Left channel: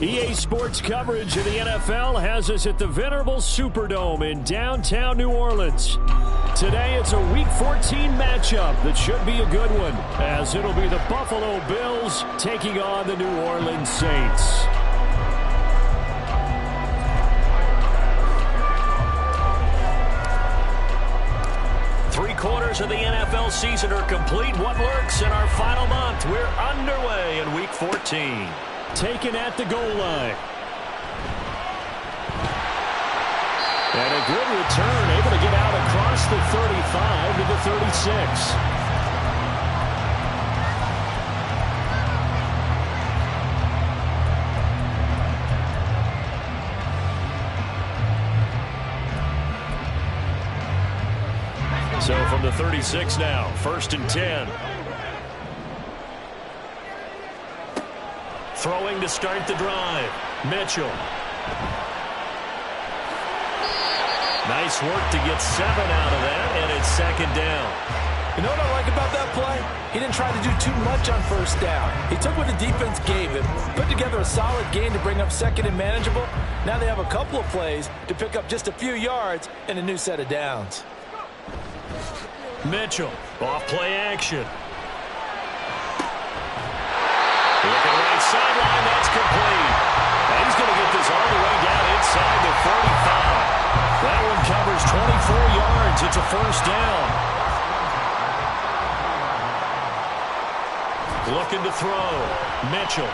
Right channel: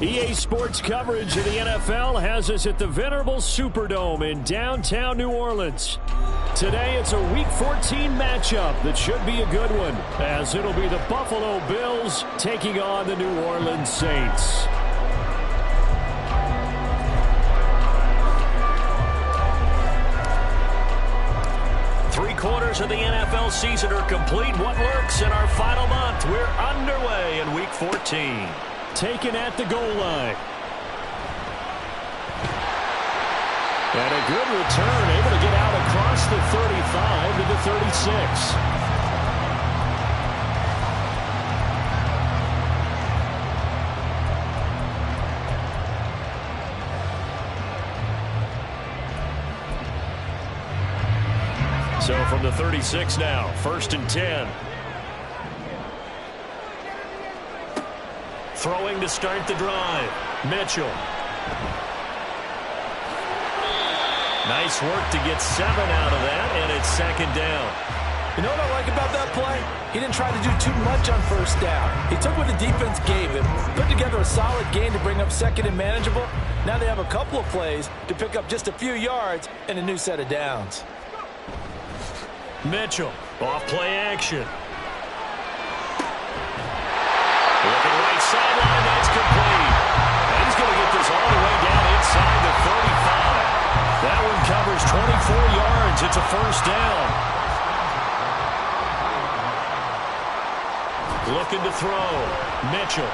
EA Sports coverage of the NFL has us at the venerable Superdome in downtown New Orleans. Today it's a Week 14 matchup that should be a good one, as it'll be the Buffalo Bills taking on the New Orleans Saints. Three-quarters of the NFL season are complete. What lurks in our final month? We're underway in Week 14. Taken at the goal line. And a good return, able to get out across the 35 to the 36. So from the 36 now, 1st and 10. Throwing to start the drive. Mitchell. Nice work to get 7 out of that, and it's 2nd down. You know what I like about that play? He didn't try to do too much on 1st down. He took what the defense gave him, put together a solid gain to bring up 2nd and manageable. Now they have a couple of plays to pick up just a few yards and a new set of downs. Mitchell, off play action. Looking right sideline, that's complete. And he's going to get this all the way down inside the 35. That one covers 24 yards. It's a 1st down. Looking to throw. Mitchell.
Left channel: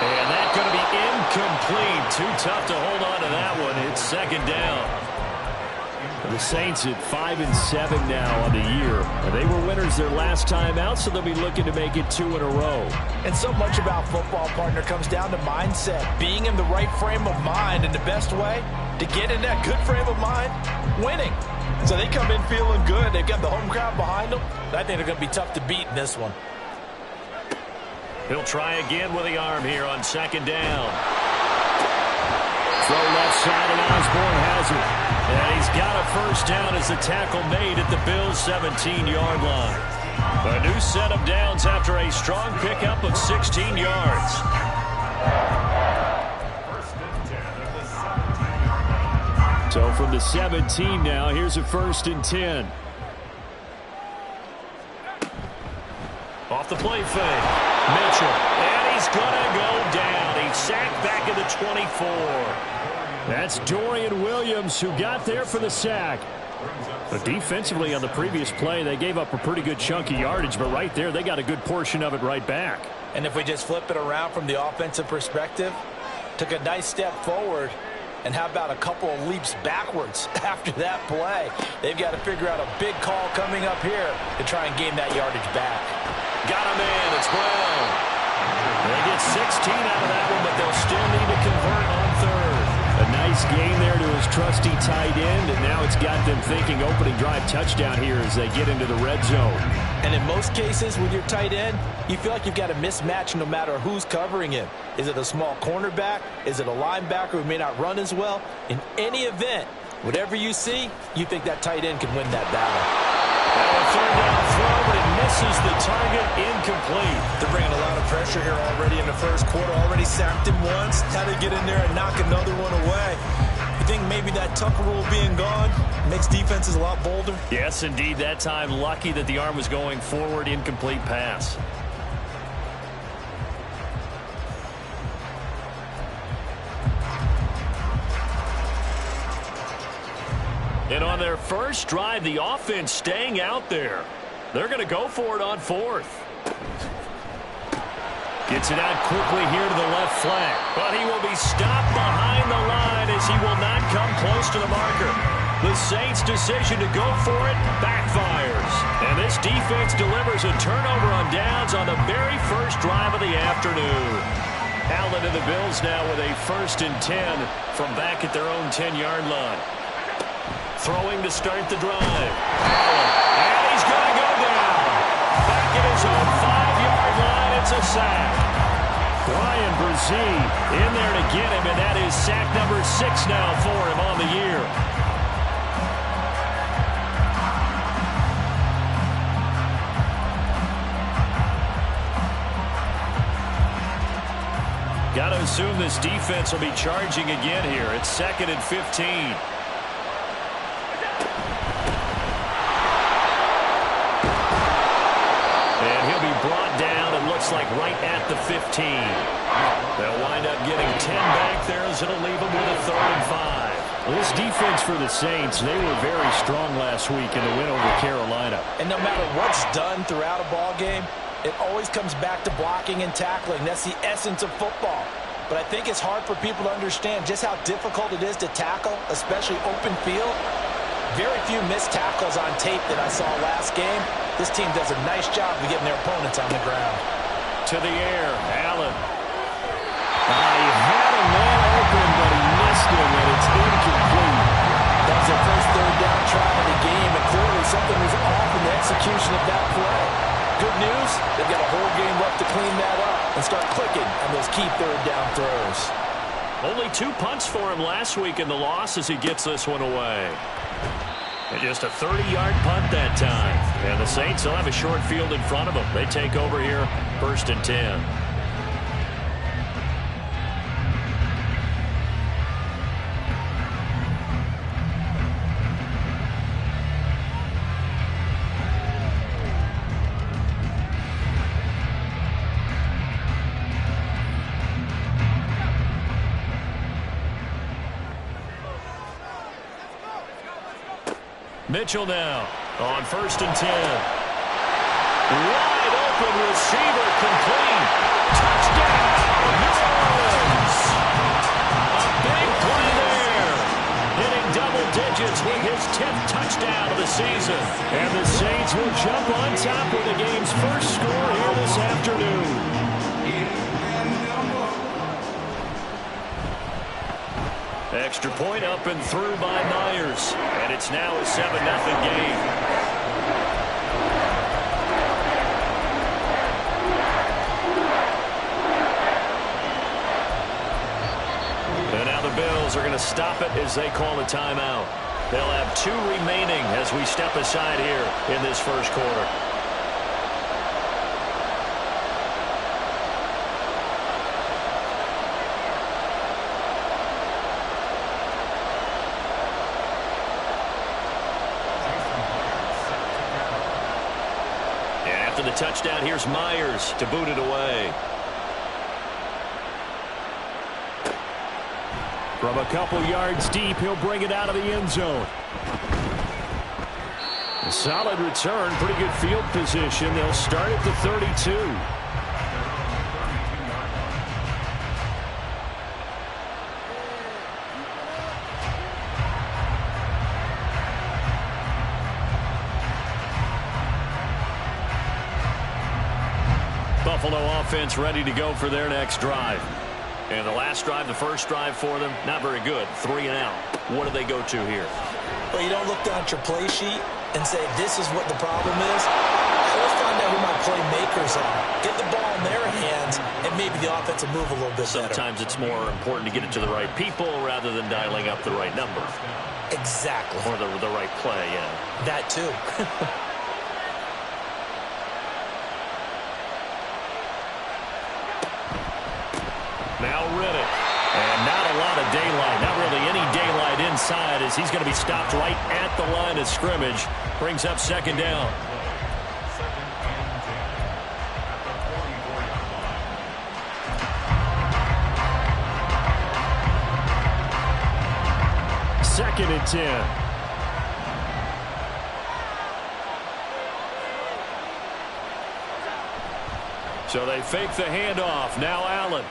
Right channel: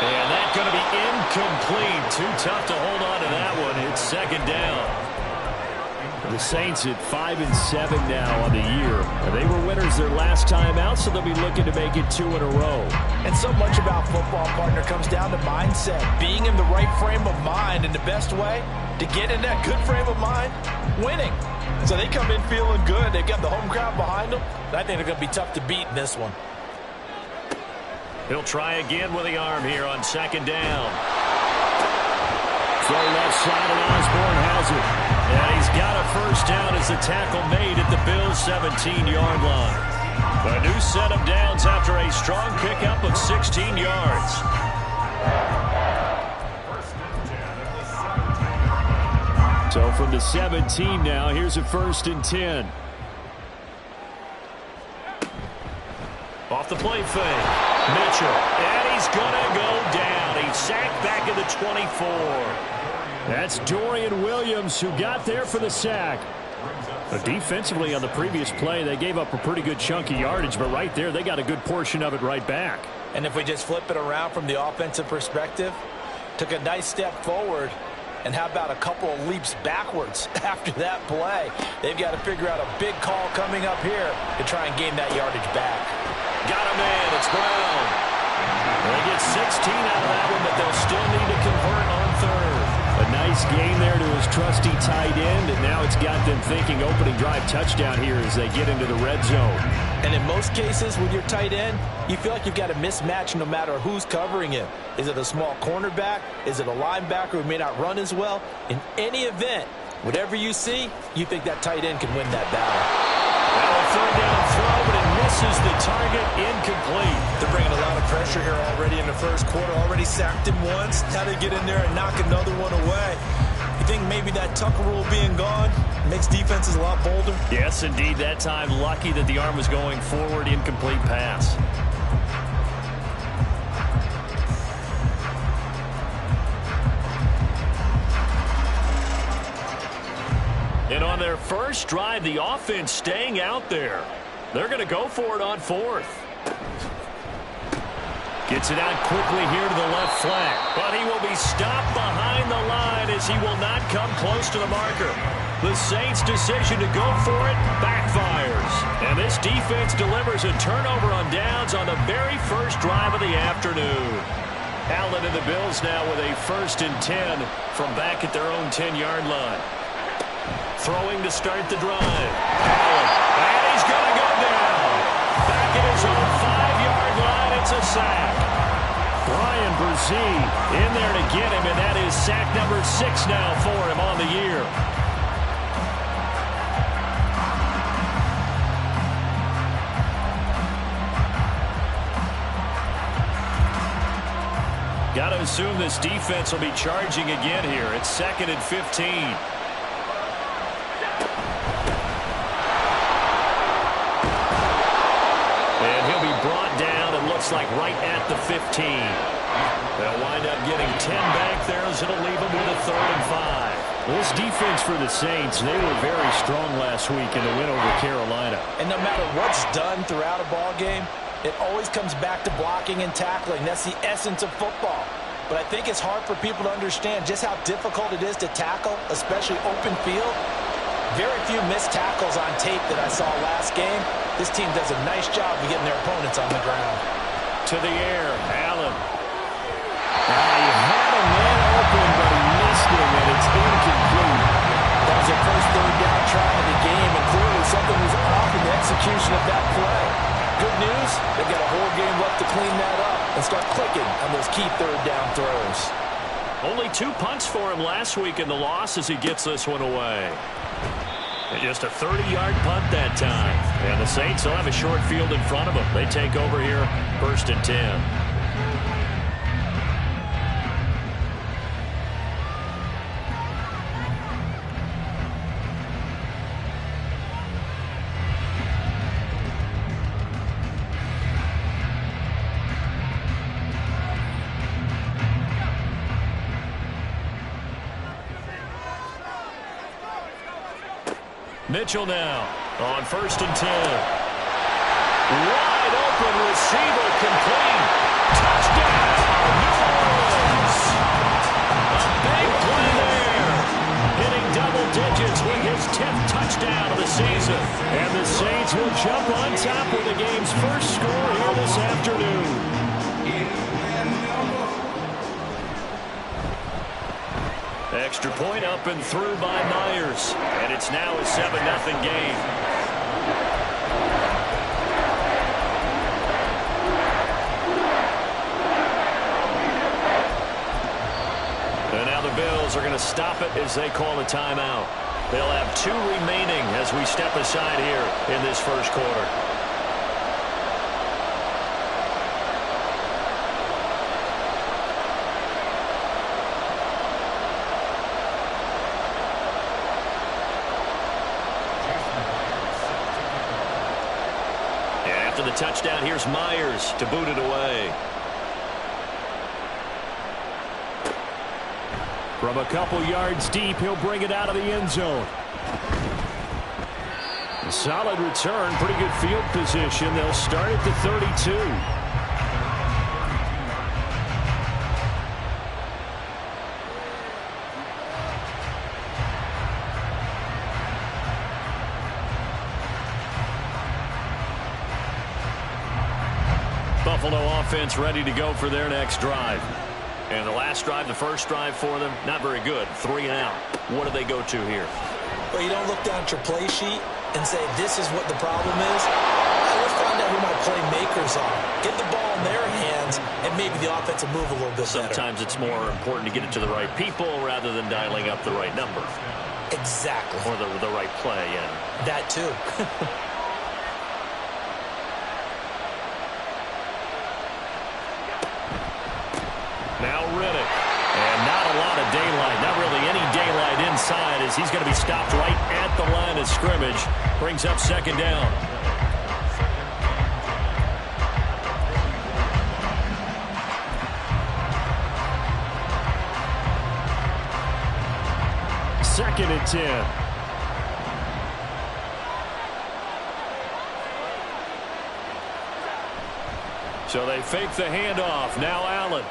And that's going to be incomplete. Too tough to hold on to that one. It's 2nd down. The Saints at 5-7 now on the year. They were winners their last time out, so they'll be looking to make it 2 in a row. And so much about football, partner, comes down to mindset. Being in the right frame of mind, and the best way to get in that good frame of mind, winning. So they come in feeling good. They've got the home crowd behind them. I think they're going to be tough to beat in this one. He'll try again with the arm here on 2nd down. Throw left side, and Osborne has it. And he's got a 1st down as the tackle made at the Bills' 17-yard line. A new set of downs after a strong pickup of 16 yards. So from the 17 now, here's a 1st and 10. Off the play fake. Mitchell. And he's going to go down. He's sacked back at the 24. That's Dorian Williams who got there for the sack. But defensively on the previous play, they gave up a pretty good chunk of yardage, but right there, they got a good portion of it right back. And if we just flip it around from the offensive perspective, took a nice step forward, and how about a couple of leaps backwards after that play? They've got to figure out a big call coming up here to try and gain that yardage back. Got a man. It's Brown. They get 16 out of that one, but they'll still need to convert on 3rd. A nice gain there to his trusty tight end, and now it's got them thinking opening drive touchdown here as they get into the red zone. And in most cases with your tight end, you feel like you've got a mismatch no matter who's covering him. Is it a small cornerback? Is it a linebacker who may not run as well? In any event, whatever you see, you think that tight end can win that battle. Now a 3rd down throw, but it misses the target. Incomplete. They're bringing a lot of pressure here already in the 1st quarter. Already sacked him once. How to get in there and knock another one away. You think maybe that Tucker rule being gone makes defenses a lot bolder? Yes, indeed. That time, lucky that the arm was going forward. Incomplete pass. And on their first drive, the offense staying out there. They're going to go for it on 4th. Gets it out quickly here to the left flank. But he will be stopped behind the line as he will not come close to the marker. The Saints' decision to go for it backfires. And this defense delivers a turnover on downs on the very first drive of the afternoon. Allen and the Bills now with a 1st and 10 from back at their own 10-yard line. Throwing to start the drive. Allen. And he's going to go down. Back at his own 5-yard line. It's a sack. Bryan Bresee in there to get him, and that is sack number 6 now for him on the year. Got to assume this defense will be charging again here. It's 2nd and 15. And he'll be brought down, it looks like, right at the 15. They'll wind up getting 10 back there as it'll leave them with a 3rd and 5. This defense for the Saints, they were very strong last week in the win over Carolina. And no matter what's done throughout a ball game, it always comes back to blocking and tackling. That's the essence of football. But I think it's hard for people to understand just how difficult it is to tackle, especially open field. Very few missed tackles on tape that I saw last game. This team does a nice job of getting their opponents on the ground. To the air, Allen. He had a man open, but he missed him, and it's incomplete. That was their first 3rd down try of the game, and clearly something was off in the execution of that play. Good news, they've got a whole game left to clean that up and start clicking on those key 3rd down throws. Only 2 punts for him last week in the loss as he gets this one away. And just a 30-yard punt that time. And the Saints will have a short field in front of them. They take over here, 1st and 10. Mitchell now on 1st and 10. Wide open receiver complete. Touchdown, New Orleans. A big play there. Hitting double digits with his 10th touchdown of the season. And the Saints will jump on top with the game's first score here this afternoon. Extra point up and through by Myers. And it's now a 7-0 game. And now the Bills are going to stop it as they call a timeout. They'll have 2 remaining as we step aside here in this first quarter. After the touchdown, here's Myers to boot it away. From a couple yards deep, he'll bring it out of the end zone. A solid return, pretty good field position. They'll start at the 32. Buffalo offense ready to go for their next drive. And the last drive, the first drive for them, not very good. 3 and out. What do they go to here? Well, you don't look down at your play sheet and say, this is what the problem is. Let's find out who my playmakers are. Get the ball in their hands, and maybe the offense will move a little bit better. Sometimes it's more important to get it to the right people rather than dialing up the right number. Exactly. Or the right play, yeah. That too. Now Riddick. And not a lot of daylight. Not really any daylight inside as he's going to be stopped right at the line of scrimmage. Brings up 2nd down. Second and 10. So they fake the handoff. Now Allen.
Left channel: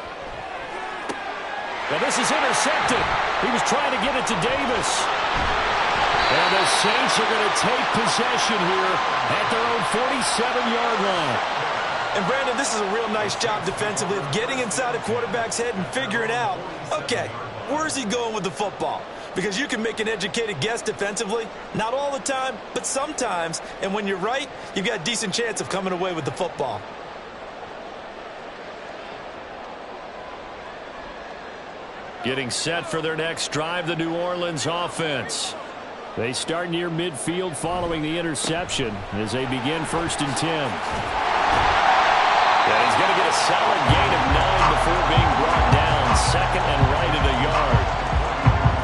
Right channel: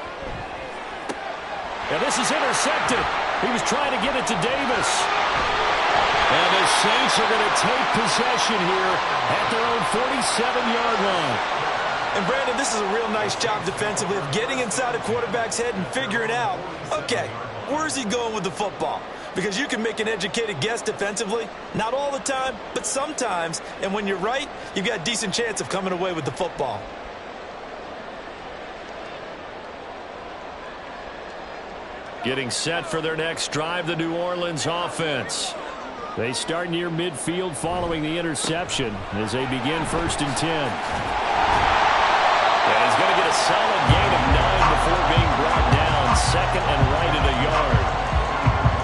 And this is intercepted. He was trying to get it to Davis. And the Saints are going to take possession here at their own 47-yard line. And, Brandon, this is a real nice job defensively of getting inside a quarterback's head and figuring out, okay, where's he going with the football? Because you can make an educated guess defensively. Not all the time, but sometimes. And when you're right, you've got a decent chance of coming away with the football. Getting set for their next drive, the New Orleans offense. They start near midfield following the interception as they begin 1st and 10. And he's going to get a solid gain of 9 before being brought down. 2nd and right at a yard.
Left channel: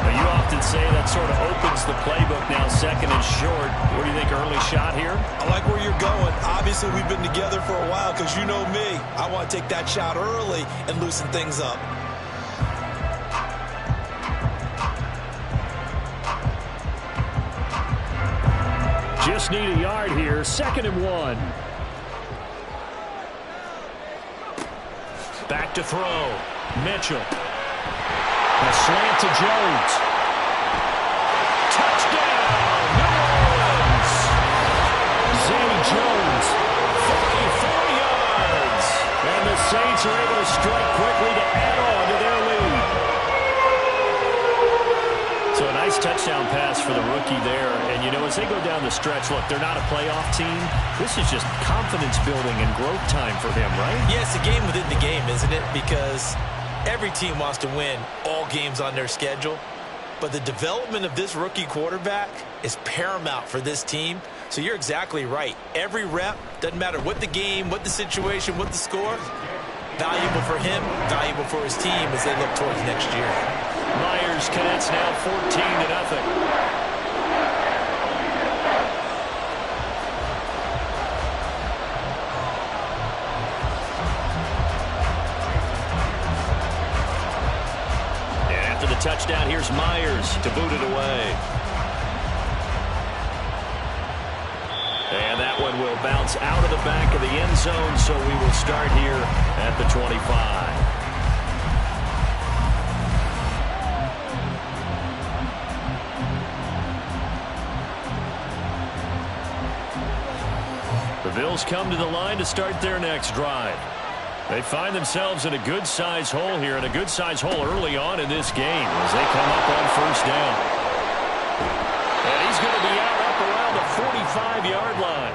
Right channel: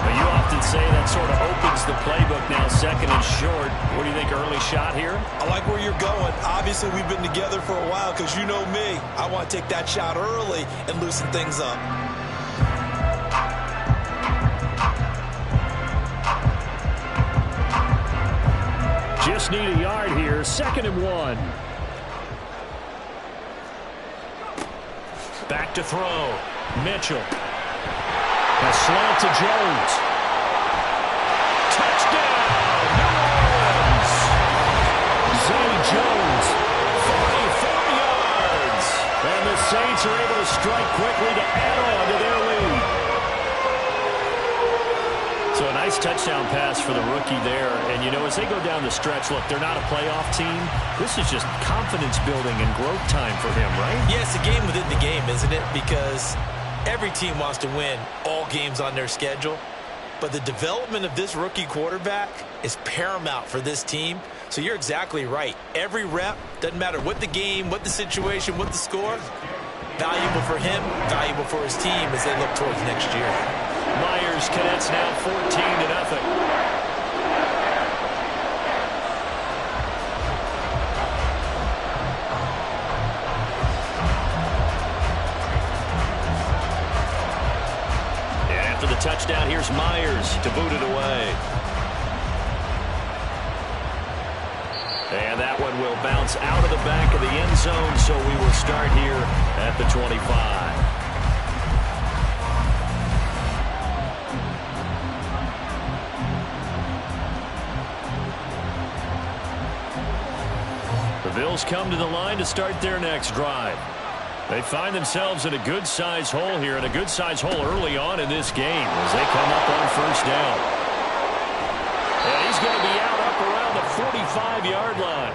Now, you often say that sort of opens the playbook now, 2nd and short. What do you think, early shot here? I like where you're going. Obviously, we've been together for a while because you know me. I want to take that shot early and loosen things up. Just need a yard here. 2nd and 1. Back to throw. Mitchell. A slant to Jones. Touchdown, New Orleans. Zay Jones, 44 yards. And the Saints are able to strike quickly to add on to their lead. So a nice touchdown pass for the rookie there. And, you know, as they go down the stretch, look, they're not a playoff team. This is just confidence building and growth time for him, right? Yeah, it's a game within the game, isn't it? Because every team wants to win all games on their schedule. But the development of this rookie quarterback is paramount for this team. So you're exactly right. Every rep, doesn't matter what the game, what the situation, what the score, valuable for him, valuable for his team as they look towards next year. Myers Cadets now 14-0. And after the touchdown, here's Myers to boot it away. And that one will bounce out of the back of the end zone, so we will start here at the 25. The Bills come to the line to start their next drive. They find themselves in a good-sized hole here, and a good-sized hole early on in this game as they come up on 1st down. And he's going to be out up around the 45-yard line.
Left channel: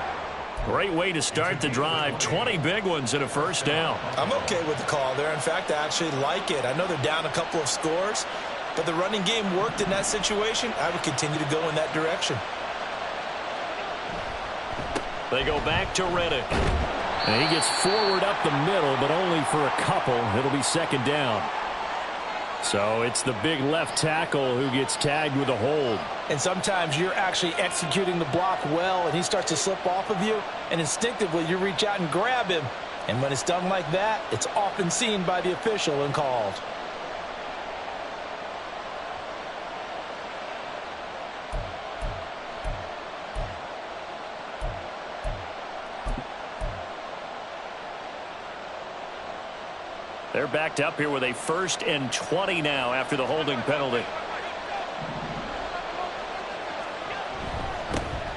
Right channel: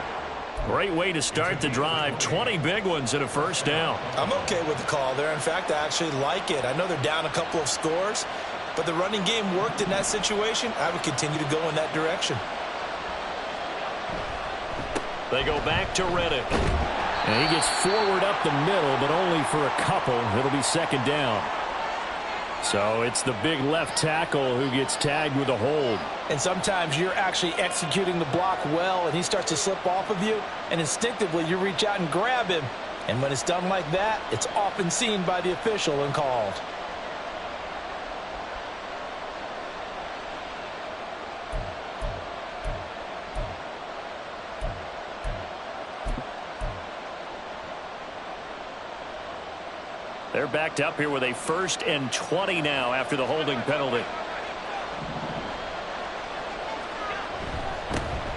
Great way to start the drive. 20 big ones and a 1st down. I'm okay with the call there. In fact, I actually like it. I know they're down a couple of scores, but the running game worked in that situation. I would continue to go in that direction. They go back to Reddick. And he gets forward up the middle, but only for a couple. It'll be 2nd down. So it's the big left tackle who gets tagged with a hold. And sometimes you're actually executing the block well, and he starts to slip off of you, and instinctively you reach out and grab him. And when it's done like that, it's often seen by the official and called. They're backed up here with a 1st and 20 now after the holding penalty.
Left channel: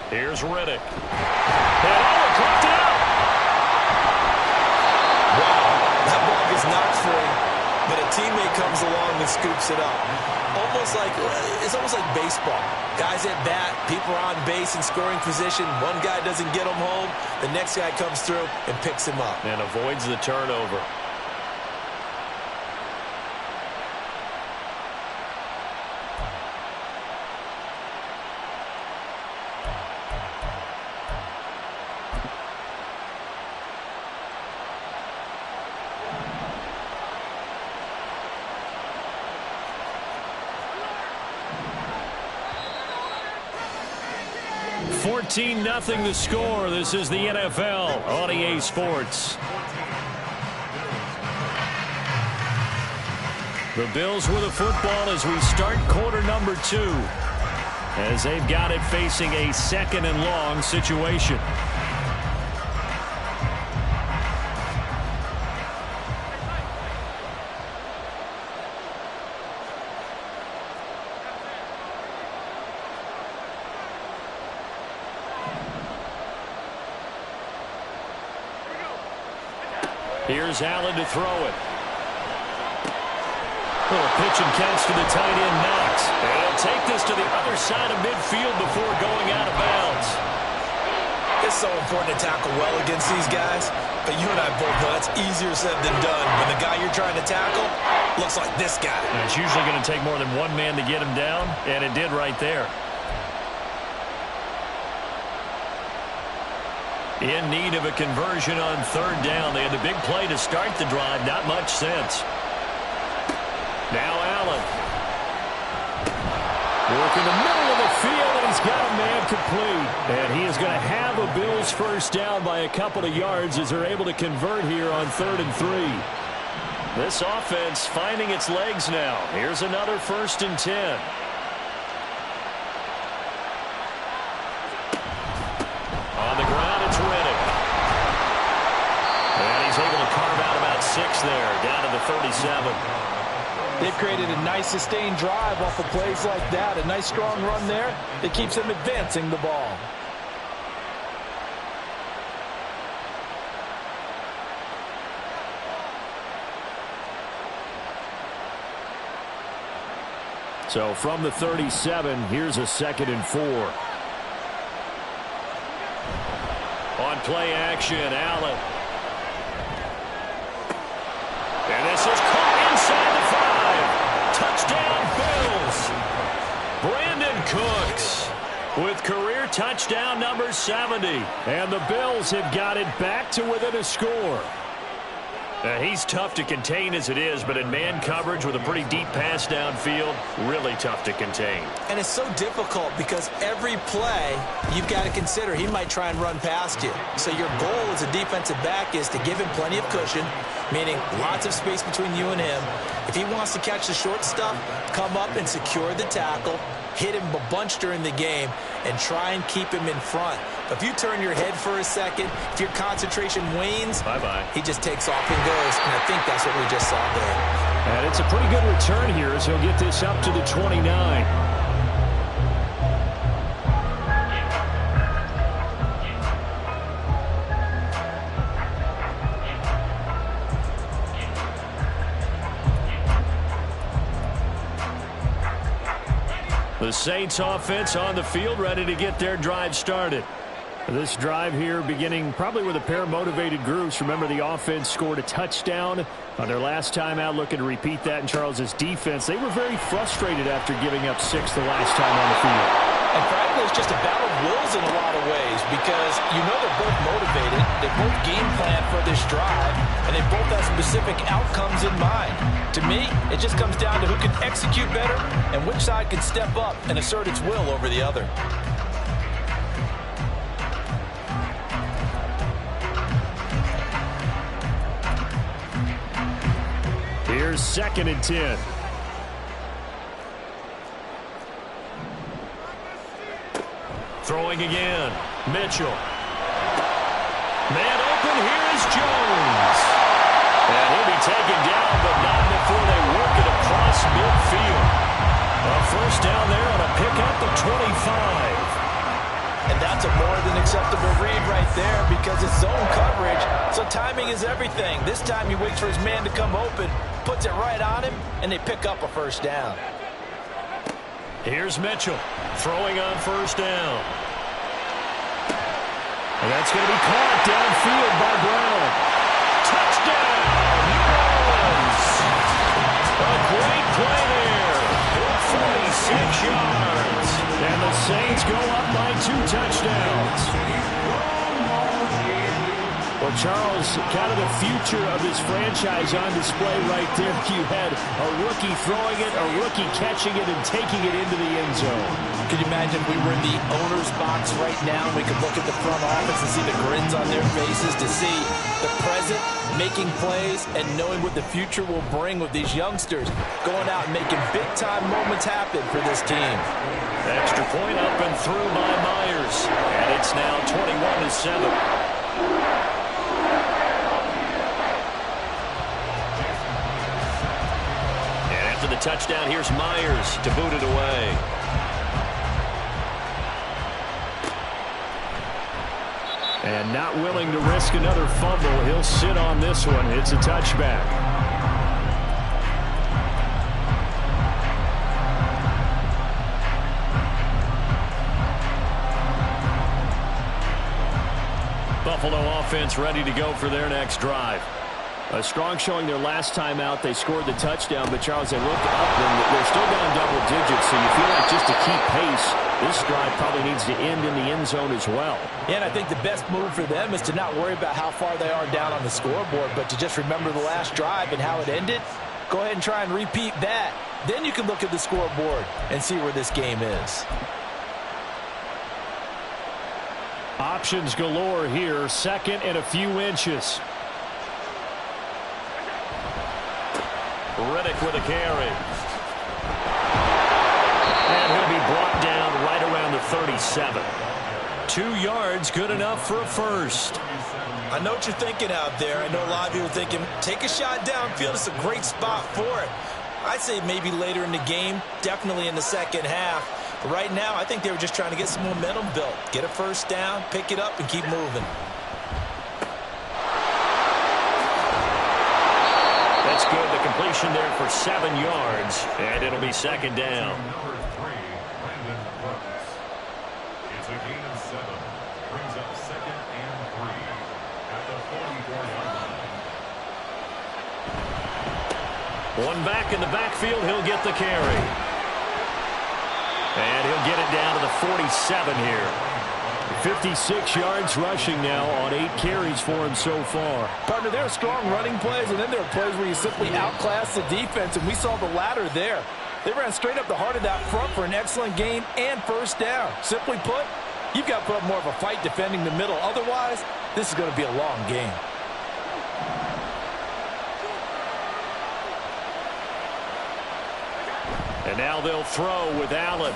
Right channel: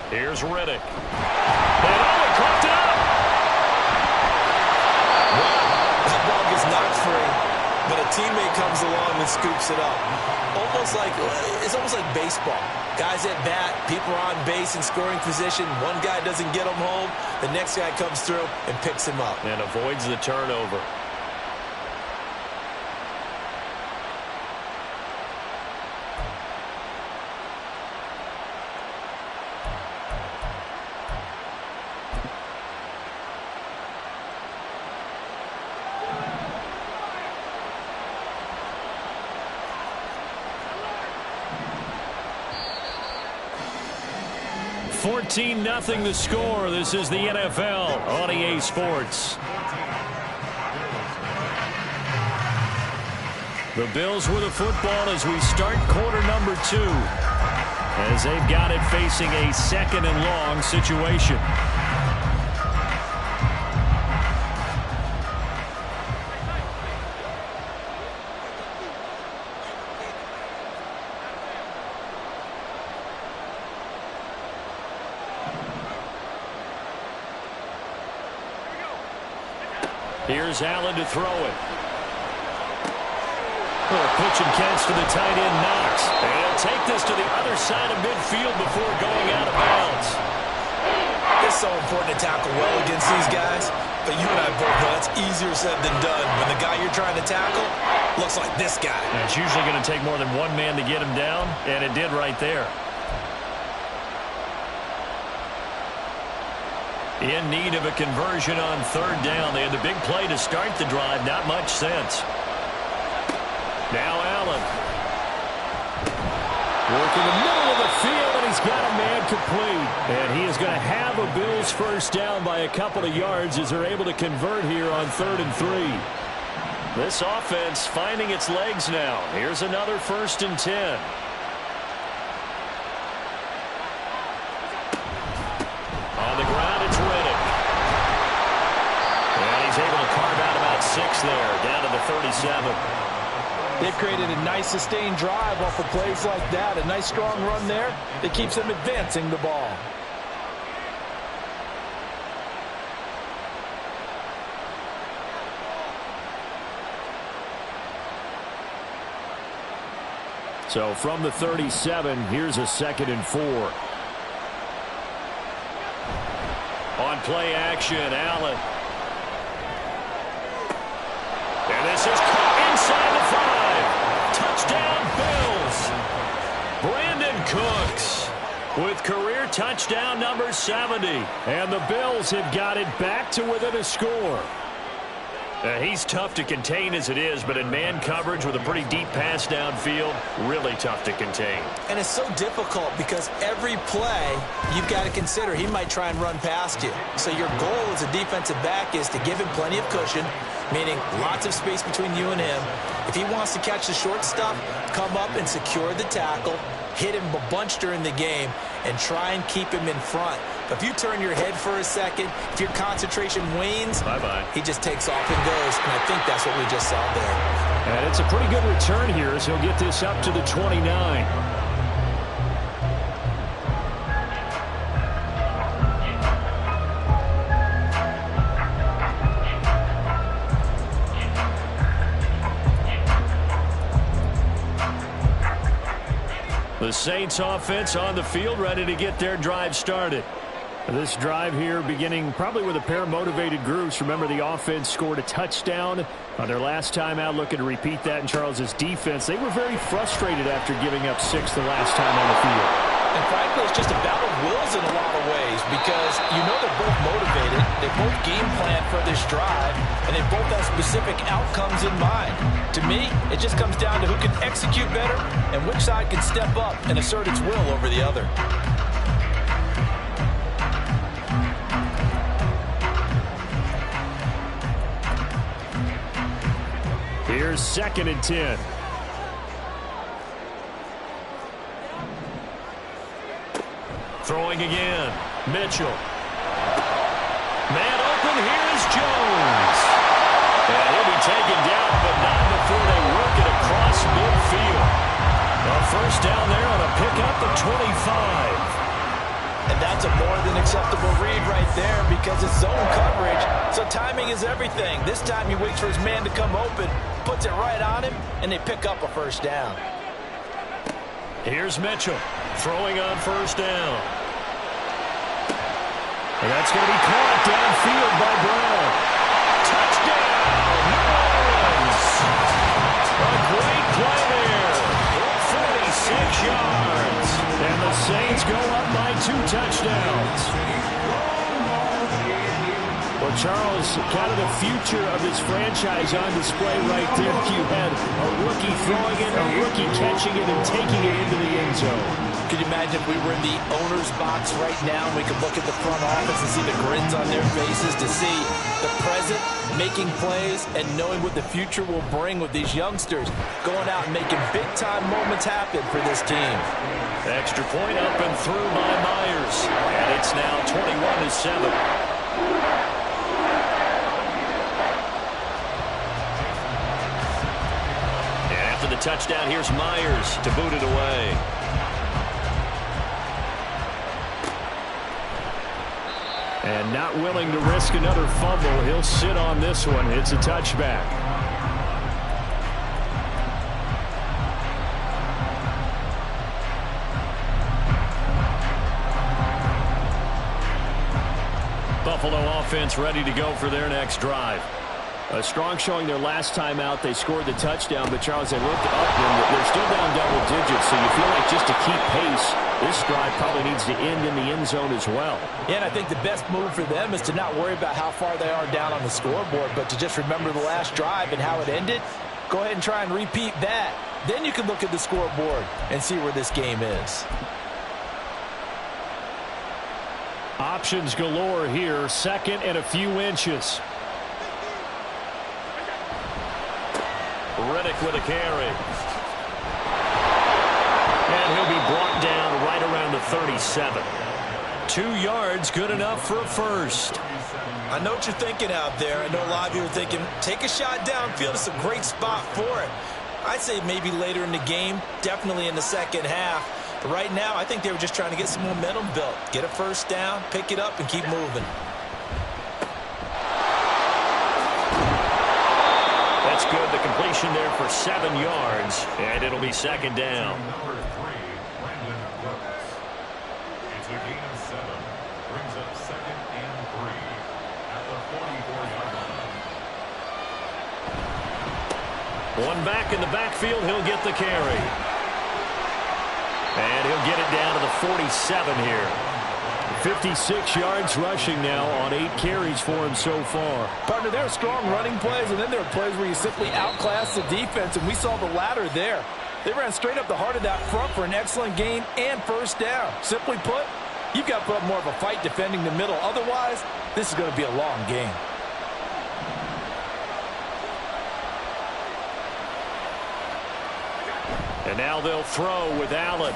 Here's Reddick. And he caught it up. Wow, that ball gets knocked free, but a teammate comes along and scoops it up. It's almost like baseball. Guys at bat, people are on base in scoring position. One guy doesn't get him home, the next guy comes through and picks him up. And avoids the turnover. Nothing the score. This is the NFL on EA Sports. The Bills with the football as we start quarter number 2, as they've got it facing a 2nd and long situation. Here's Allen to throw it. Little pitch and catch to the tight end, Knox. And he'll take this to the other side of midfield before going out of bounds. It's so important to tackle well against these guys, but you and I both know that's easier said than done when the guy you're trying to tackle looks like this guy. And it's usually going to take more than one man to get him down, and it did right there. In need of a conversion on third down. They had the big play to start the drive. Not much sense. Now Allen. Working the middle of the field, and he's got a man complete. And he is going to have a Bills first down by a couple of yards as they're able to convert here on 3rd and 3. This offense finding its legs now. Here's another 1st and 10. On the ground, it's Reddick. And he's able to carve out about 6 there, down to the 37. They've created a nice sustained drive off of plays like that. A nice strong run there that keeps them advancing the ball. So from the 37, here's a 2nd and 4. On play action, Allen. And this is caught inside the 5. Touchdown, Bills. Brandon Cooks with career touchdown number 70. And the Bills have got it back to within a score. He's tough to contain as it is, but in man coverage with a pretty deep pass downfield, really tough to contain. And it's so difficult because every play you've got to consider he might try and run past you. So your goal as a defensive back is to give him plenty of cushion, meaning lots of space between you and him. If he wants to catch the short stuff, come up and secure the tackle, hit him a bunch during the game, and try and keep him in front. But if you turn your head for a second, if your concentration wanes, bye-bye. He just takes off and goes, and I think that's what we just saw there. And it's a pretty good return here as he'll get this up to the 29. The Saints offense on the field, ready to get their drive started. This drive here beginning probably with a pair of motivated groups. Remember, the offense scored a touchdown on their last time out, looking to repeat that in Charles's defense. They were very frustrated after giving up 6 the last time on the field. And frankly, it's just a battle of wills in a lot of ways because you know they're both motivated. They both game plan for this drive, and they both have specific outcomes in mind. To me, it just comes down to who can execute better and which side can step up and assert its will over the other. Here's 2nd and 10. Throwing again. Mitchell. Man open. Here is Jones. And he'll be taken down, but not before they work it across midfield. A first down there on a pickup of 25. And that's a more than acceptable read right there because it's zone coverage, so timing is everything. This time he waits for his man to come open, puts it right on him, and they pick up a first down. Here's Mitchell throwing on first down. And that's going to be caught downfield by Brown. Touchdown, New Orleans. A great play there. 46 yards. And the Saints go up by 2 touchdowns. Well, Charles, kind of the future of this franchise on display right there. You had a rookie throwing it, a rookie catching it, and taking it into the end zone. Could you imagine if we were in the owner's box right now and we could look at the front office and see the grins on their faces to see the present making plays and knowing what the future will bring with these youngsters going out and making big-time moments happen for this team. Extra point up and through by Myers. And it's now 21-7. After the touchdown, here's Myers to boot it away. And not willing to risk another fumble. He'll sit on this one. It's a touchback. Buffalo offense ready to go for their next drive. A strong showing their last time out. They scored the touchdown, but Charles, they looked up and they're still down double digits, so you feel like just to keep pace, this drive probably needs to end in the end zone as well. Yeah, and I think the best move for them is to not worry about how far they are down on the scoreboard, but to just remember the last drive and how it ended. Go ahead and try and repeat that. Then you can look at the scoreboard and see where this game is. Options galore here. Second and a few inches. Riddick with a carry. And he'll be brought down right around the 37. 2 yards, good enough for a first. I know what you're thinking out there. I know a lot of you are thinking, take a shot downfield. It's a great spot for it. I'd say maybe later in the game, definitely in the second half. But right now, I think they were just trying to get some momentum built. Get a first down, pick it up, and keep moving. That's good. The completion there for 7 yards, and it'll be second down. Number 3, Brandon Brooks. It's a gain of 7. Brings up 2nd and 3 at the 44-yard line. One back in the backfield. He'll get the carry. And he'll get it down to the 47 here. 56 yards rushing now on 8 carries for him so far. Partner, there are strong running plays, and then there are plays where you simply outclass the defense, and we saw the latter there. They ran straight up the heart of that front for an excellent gain and first down. Simply put, you've got to put up more of a fight defending the middle. Otherwise, this is going to be a long game. And now they'll throw with Allen.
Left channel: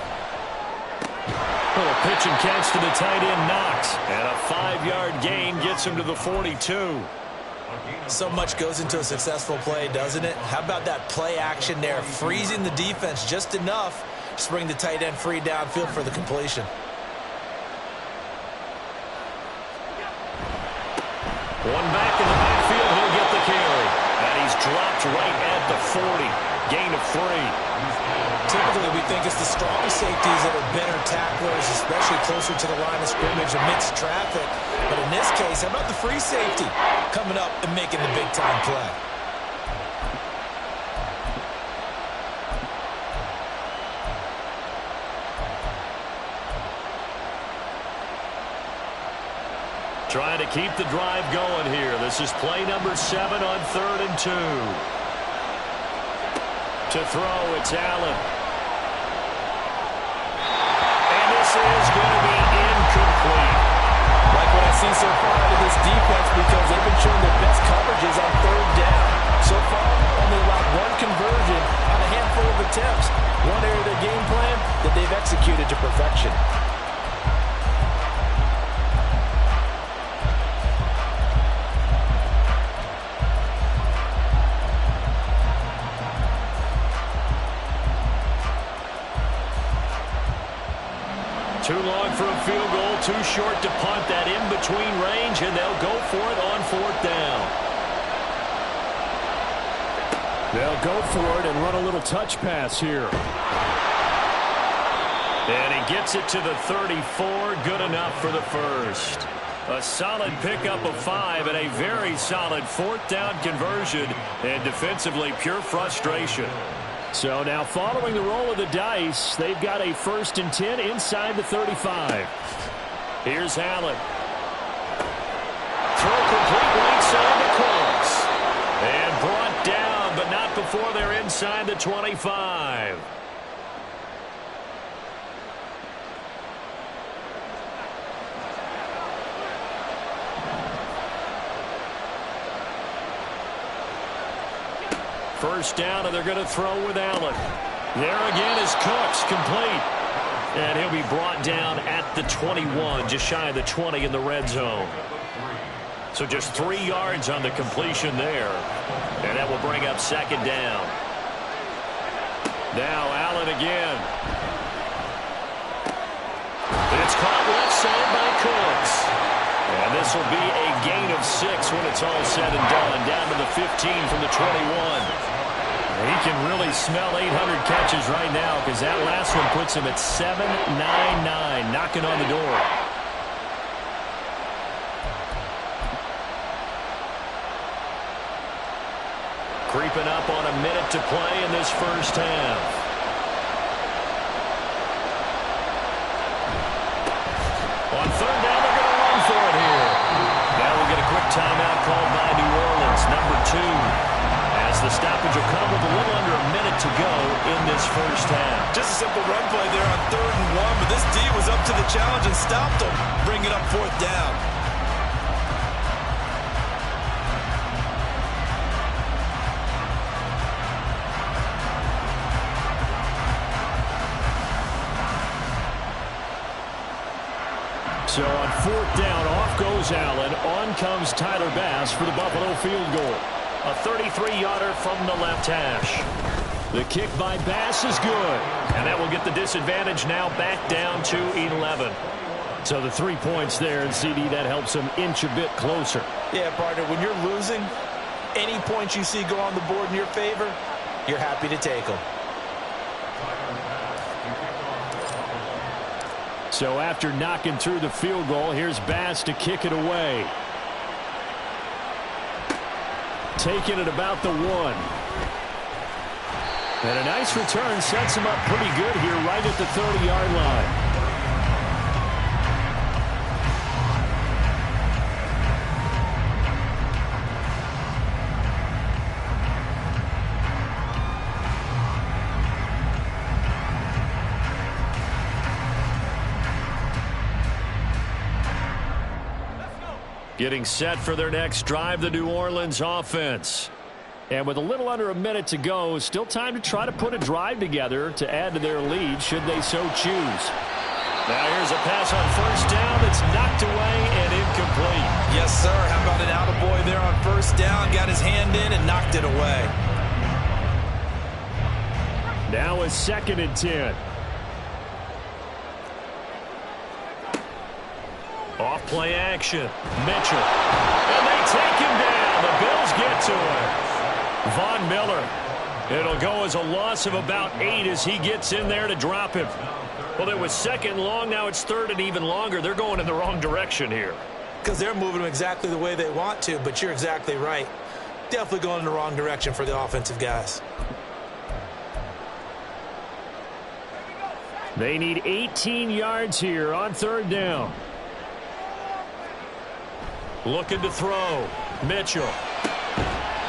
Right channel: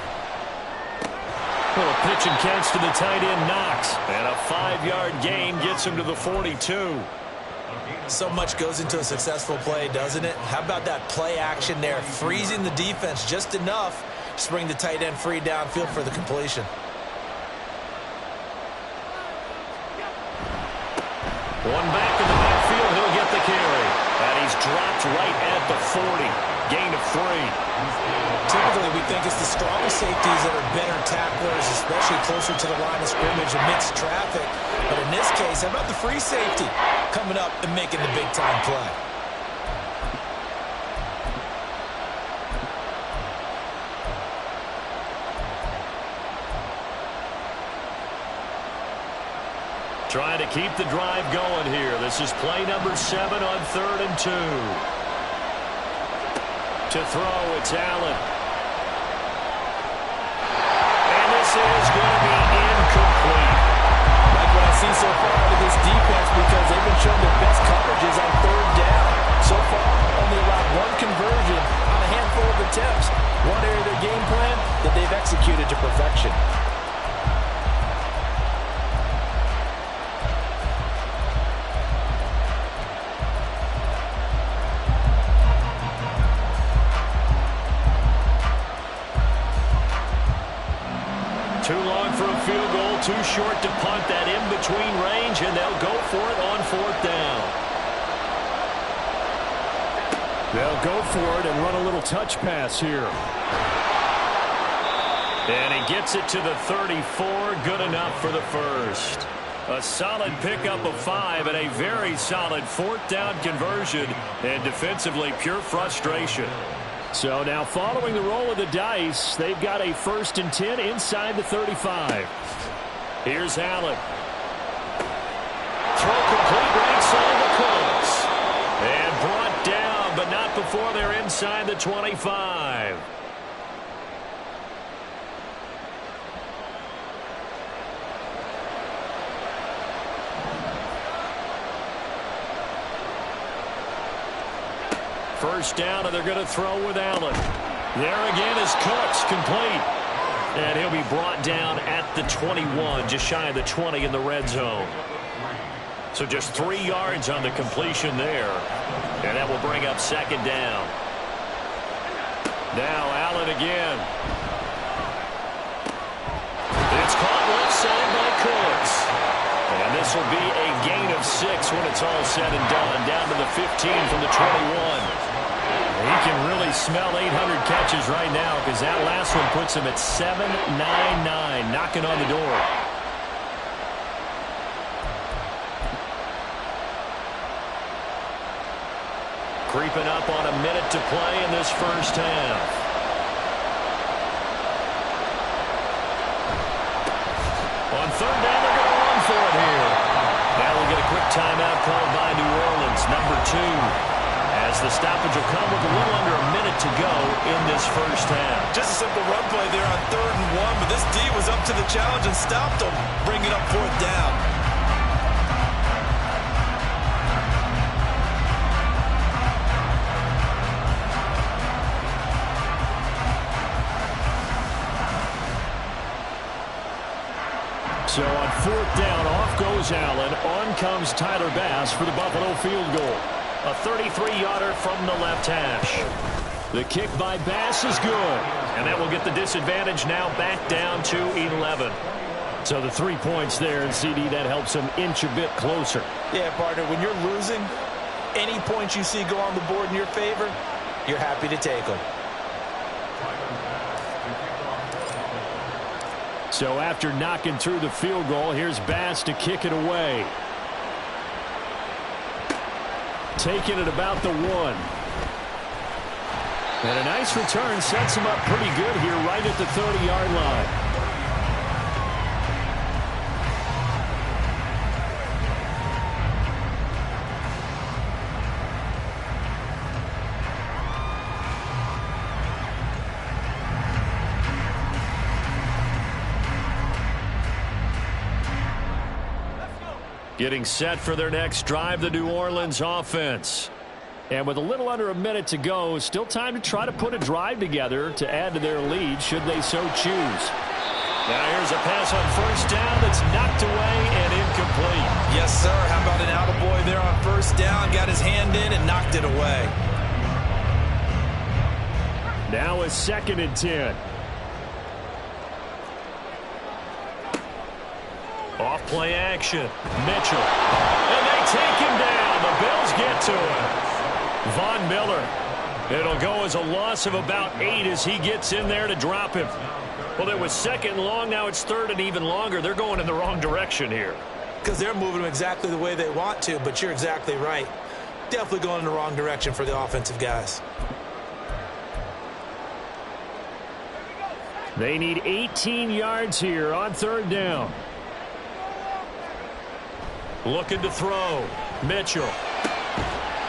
Little pitch and catch to the tight end, Knox. And a 5-yard gain gets him to the 42. So much goes into a successful play, doesn't it? How about that play action there? Freezing the defense just enough to bring the tight end free downfield for the completion. One back in the backfield. He'll get the carry. And he's dropped right at the 40. Gain of 3. Typically, we think it's the strong safeties that are better tacklers, especially closer to the line of scrimmage amidst traffic. But in this case, how about the free safety coming up and making the big-time play? Trying to keep the drive going here. This is play number 7 on 3rd and 2. To throw, it's Allen. And this is going to be incomplete. Like what I see so far out of this defense, because they've been showing their best coverages on 3rd down. So far, only allowed 1 conversion on a handful of attempts. One area of their game plan that they've executed to perfection. Too long for a field goal, too short to punt. That in-between range, and they'll go for it on 4th down. They'll go for it and run a little touch pass here. And he gets it to the 34. Good enough for the first. A solid pickup of 5 and a very solid 4th down conversion. And defensively, pure frustration. So now following the roll of the dice, they've got a 1st and 10 inside the 35. Here's Allen. Throw complete right side to Cooks. And brought down, but not before they're inside the 25. First down, and they're going to throw with Allen. There again is Cooks, complete. And he'll be brought down at the 21, just shy of the 20 in the red zone. So just 3 yards on the completion there. And that will bring up 2nd down. Now Allen again. It's caught left side by Cooks. And this this will be a gain of 6 when it's all said and done. Down to the 15 from the 21. He can really smell 800 catches right now because that last one puts him at 799, knocking on the door. Creeping up on a minute to play in this first half. On third down, they're going to run for it here. Now we'll get a quick timeout called by New Orleans, number 2. As the stoppage will come with a little under a minute to go in this first half. Just a simple run play there on 3rd and 1, but this D was up to the challenge and stopped them, bringing up 4th down. So on 4th down, off goes Allen. On comes Tyler Bass for the Buffalo field goal. A 33-yarder from the left hash. The kick by Bass is good. And that will get the disadvantage now back down to 11. So the 3 points there, and CD, that helps him inch a bit closer. Yeah, partner, when you're losing, any points you see go on the board in your favor, you're happy to take them. So after knocking through the field goal, here's Bass to kick it away. Taking it about the 1. And a nice return sets him up pretty good here right at the 30-yard line. Getting set for their next drive, the New Orleans offense. And with a little under a minute to go, still time to try to put a drive together to add to their lead should they so choose. Now here's a pass on 1st down that's knocked away and incomplete. Yes, sir. How about an attaboy there on 1st down? Got his hand in and knocked it away. Now a 2nd and 10. Off play action. Mitchell. And they take him down. The Bills get to him. Von Miller. It'll go as a loss of about 8 as he gets in there to drop him. Well, it was 2nd and long. Now it's 3rd and even longer. They're going in the wrong direction here. Because they're moving them exactly the way they want to, but you're exactly right. Definitely going in the wrong direction for the offensive guys. They need 18 yards here on 3rd down. Looking to throw. Mitchell.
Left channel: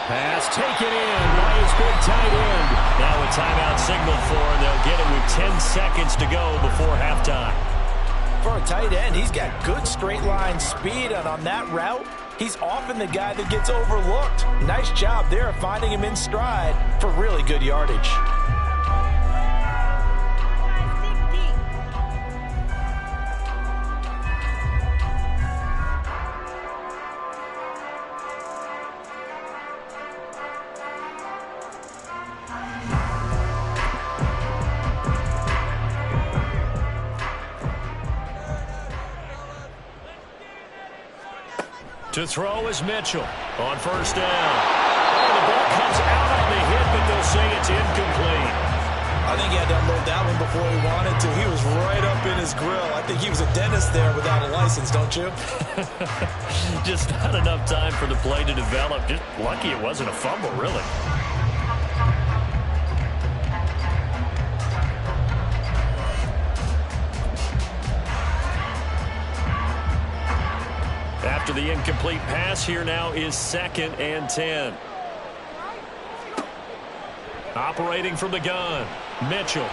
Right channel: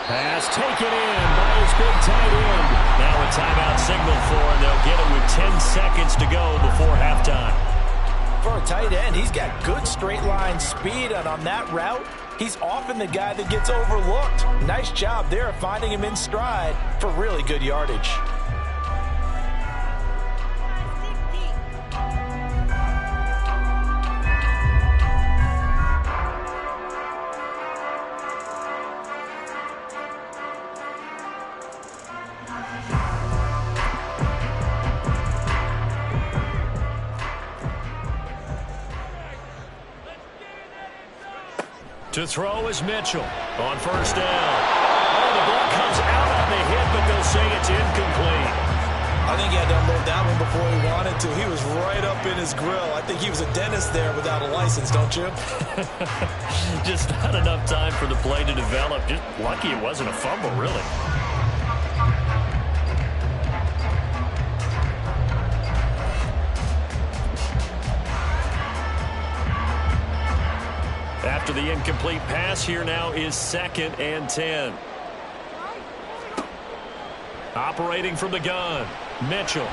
Pass taken in by his big tight end. Now a timeout signal for, and they'll get it with 10 seconds to go before halftime. For a tight end, he's got good straight line speed, and on that route, he's often the guy that gets overlooked. Nice job there finding him in stride for really good yardage. To throw is Mitchell on 1st down. Oh, the ball comes out on the hit, but they'll say it's incomplete. I think he had to unload that one before he wanted to. He was right up in his grill. I think he was a dentist there without a license, don't you? Just not enough time for the play to develop. Just lucky it wasn't a fumble, really. After the incomplete pass, here now is 2nd and 10. Operating from the gun, Mitchell.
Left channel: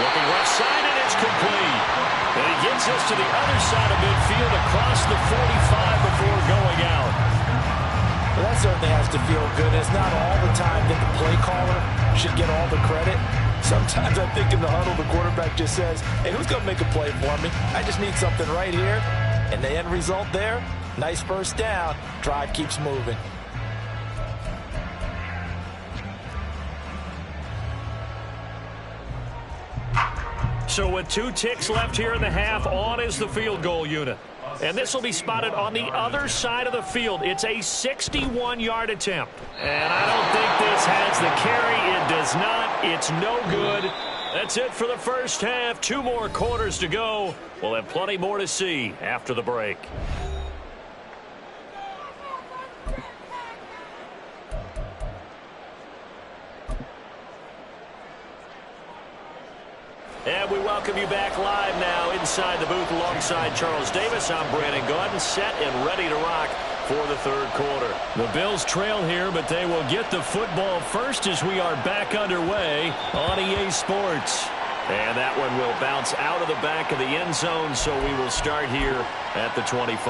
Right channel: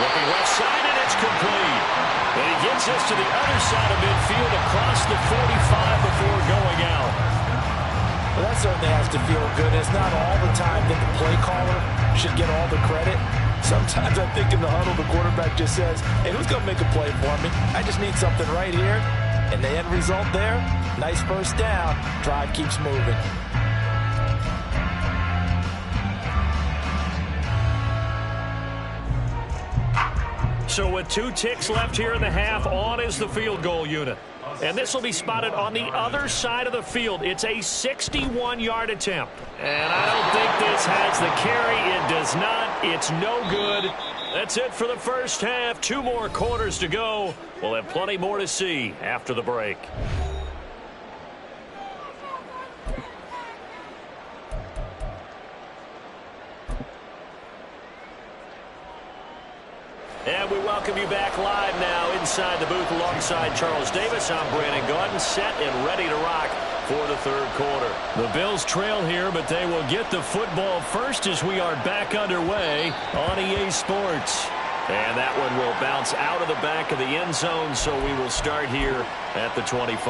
Looking left side, and it's complete. And he gets us to the other side of midfield across the 45 before going out. Well, that certainly has to feel good. It's not all the time that the play caller should get all the credit. Sometimes I think in the huddle, the quarterback just says, hey, who's going to make a play for me? I just need something right here. And the end result there, nice 1st down. Drive keeps moving. So with 2 ticks left here in the half, on is the field goal unit. And this will be spotted on the other side of the field. It's a 61-yard attempt. And I don't think this has the carry. It does not. It's no good. That's it for the first half. 2 more quarters to go. We'll have plenty more to see after the break. And we welcome you back live now inside the booth alongside Charles Davis. I'm Brandon Gaudin, set and ready to rock for the third quarter. The Bills trail here, but they will get the football first as we are back underway on EA Sports. And that one will bounce out of the back of the end zone, so we will start here at the 25.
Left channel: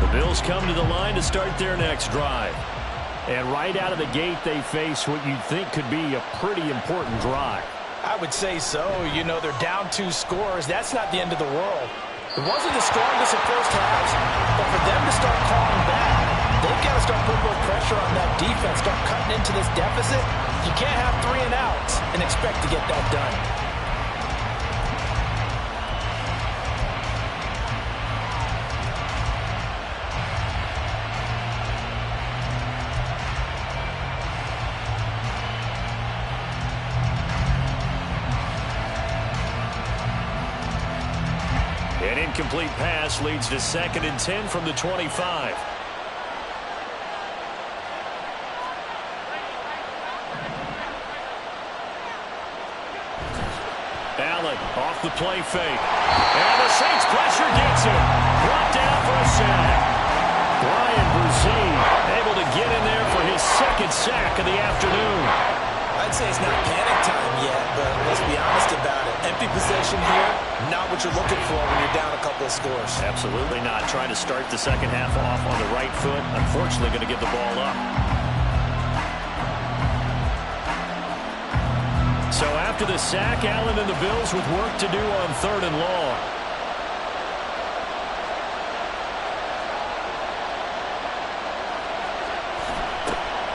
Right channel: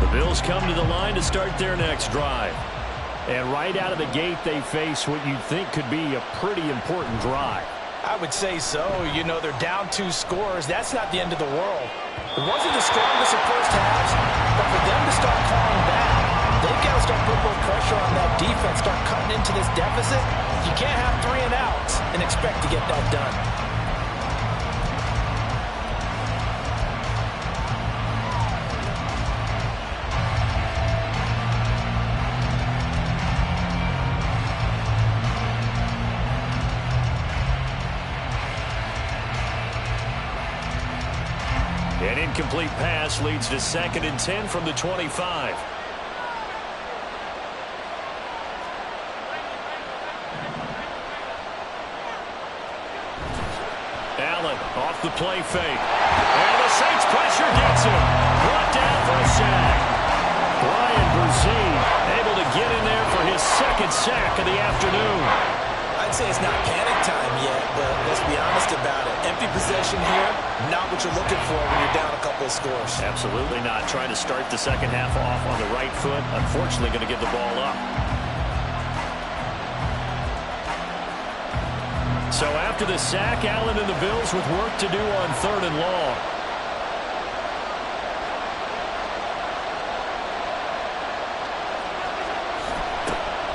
The Bills come to the line to start their next drive. And right out of the gate, they face what you'd think could be a pretty important drive. I would say so. You know, they're down 2 scores. That's not the end of the world. It wasn't the strongest of first halves, but for them to start calling back, they've got to start putting more pressure on that defense, start cutting into this deficit. You can't have 3 and outs and expect to get that done. An incomplete pass leads to 2nd and 10 from the 25. Allen off the play fake. And the Saints pressure gets him. Brought down for a sack. Brian Brzee able to get in there for his 2nd sack of the afternoon. I'd say it's not panic time yet, but let's be honest about it. Empty possession here, not what you're looking for when you're down a couple of scores. Absolutely not. Trying to start the second half off on the right foot. Unfortunately, going to give the ball up. So after the sack, Allen and the Bills with work to do on 3rd and long.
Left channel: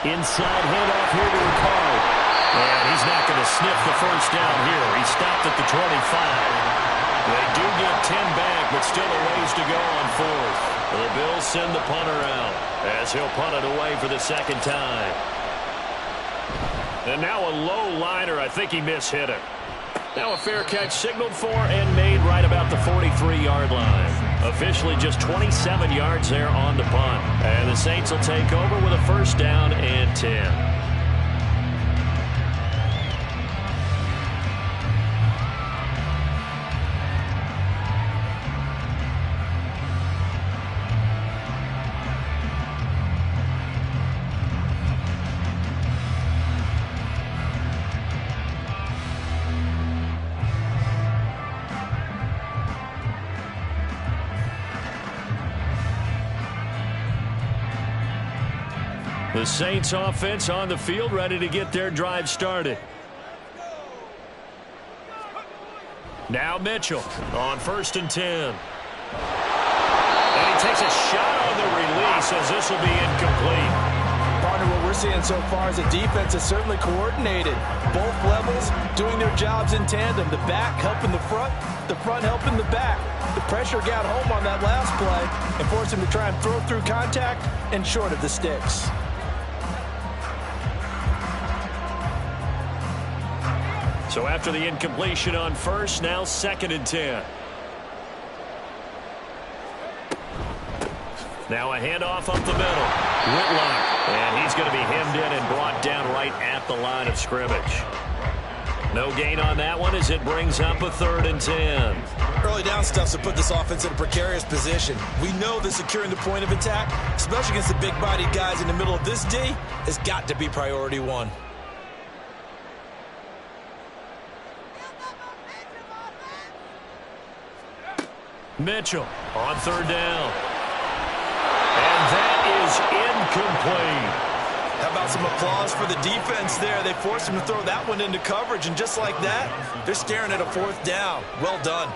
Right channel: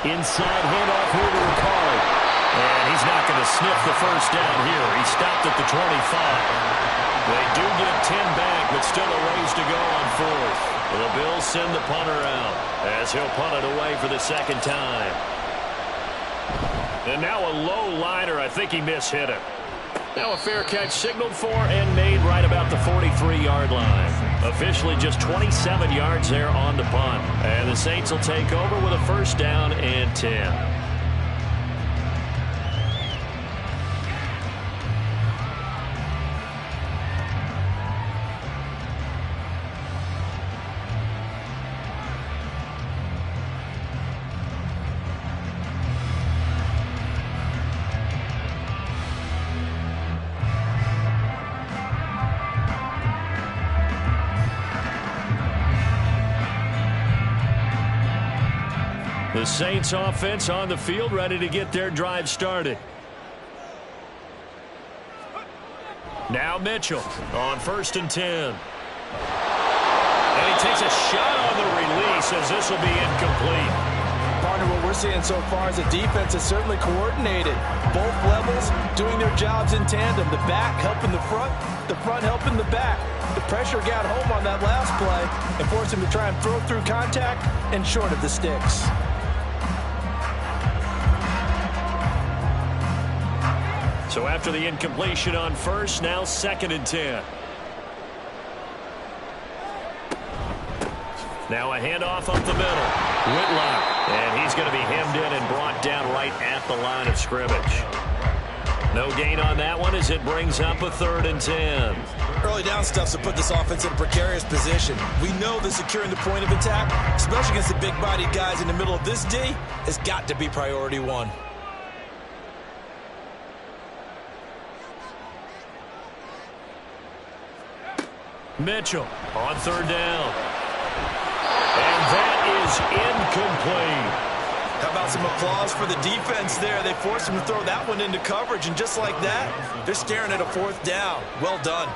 Inside handoff here to Ricard. And he's not going to sniff the first down here. He stopped at the 25. They do get 10 back, but still a ways to go on 4th. The Bills send the punter out as he'll punt it away for the 2nd time. And now a low liner. I think he mishit it. Now a fair catch signaled for and made right about the 43-yard line. Officially just 27 yards there on the punt. And the Saints will take over with a 1st down and 10. The Saints offense on the field ready to get their drive started. Now Mitchell on 1st and 10. And he takes a shot on the release as this will be incomplete. Partner, what we're seeing so far is the defense is certainly coordinated. Both levels doing their jobs in tandem. The back helping the front helping the back. The pressure got home on that last play and forced him to try and throw through contact and short of the sticks. So after the incompletion on 1st, now 2nd and 10. Now a handoff up the middle. Whitlock. And he's going to be hemmed in and brought down right at the line of scrimmage. No gain on that one as it brings up a 3rd and 10. Early down stuff to put this offense in a precarious position. We know that securing the point of attack, especially against the big-bodied guys in the middle of this D, has got to be priority 1. Mitchell on 3rd down. And that is incomplete. How about some applause for the defense there? They forced him to throw that one into coverage, and just like that, they're staring at a 4th down. Well done.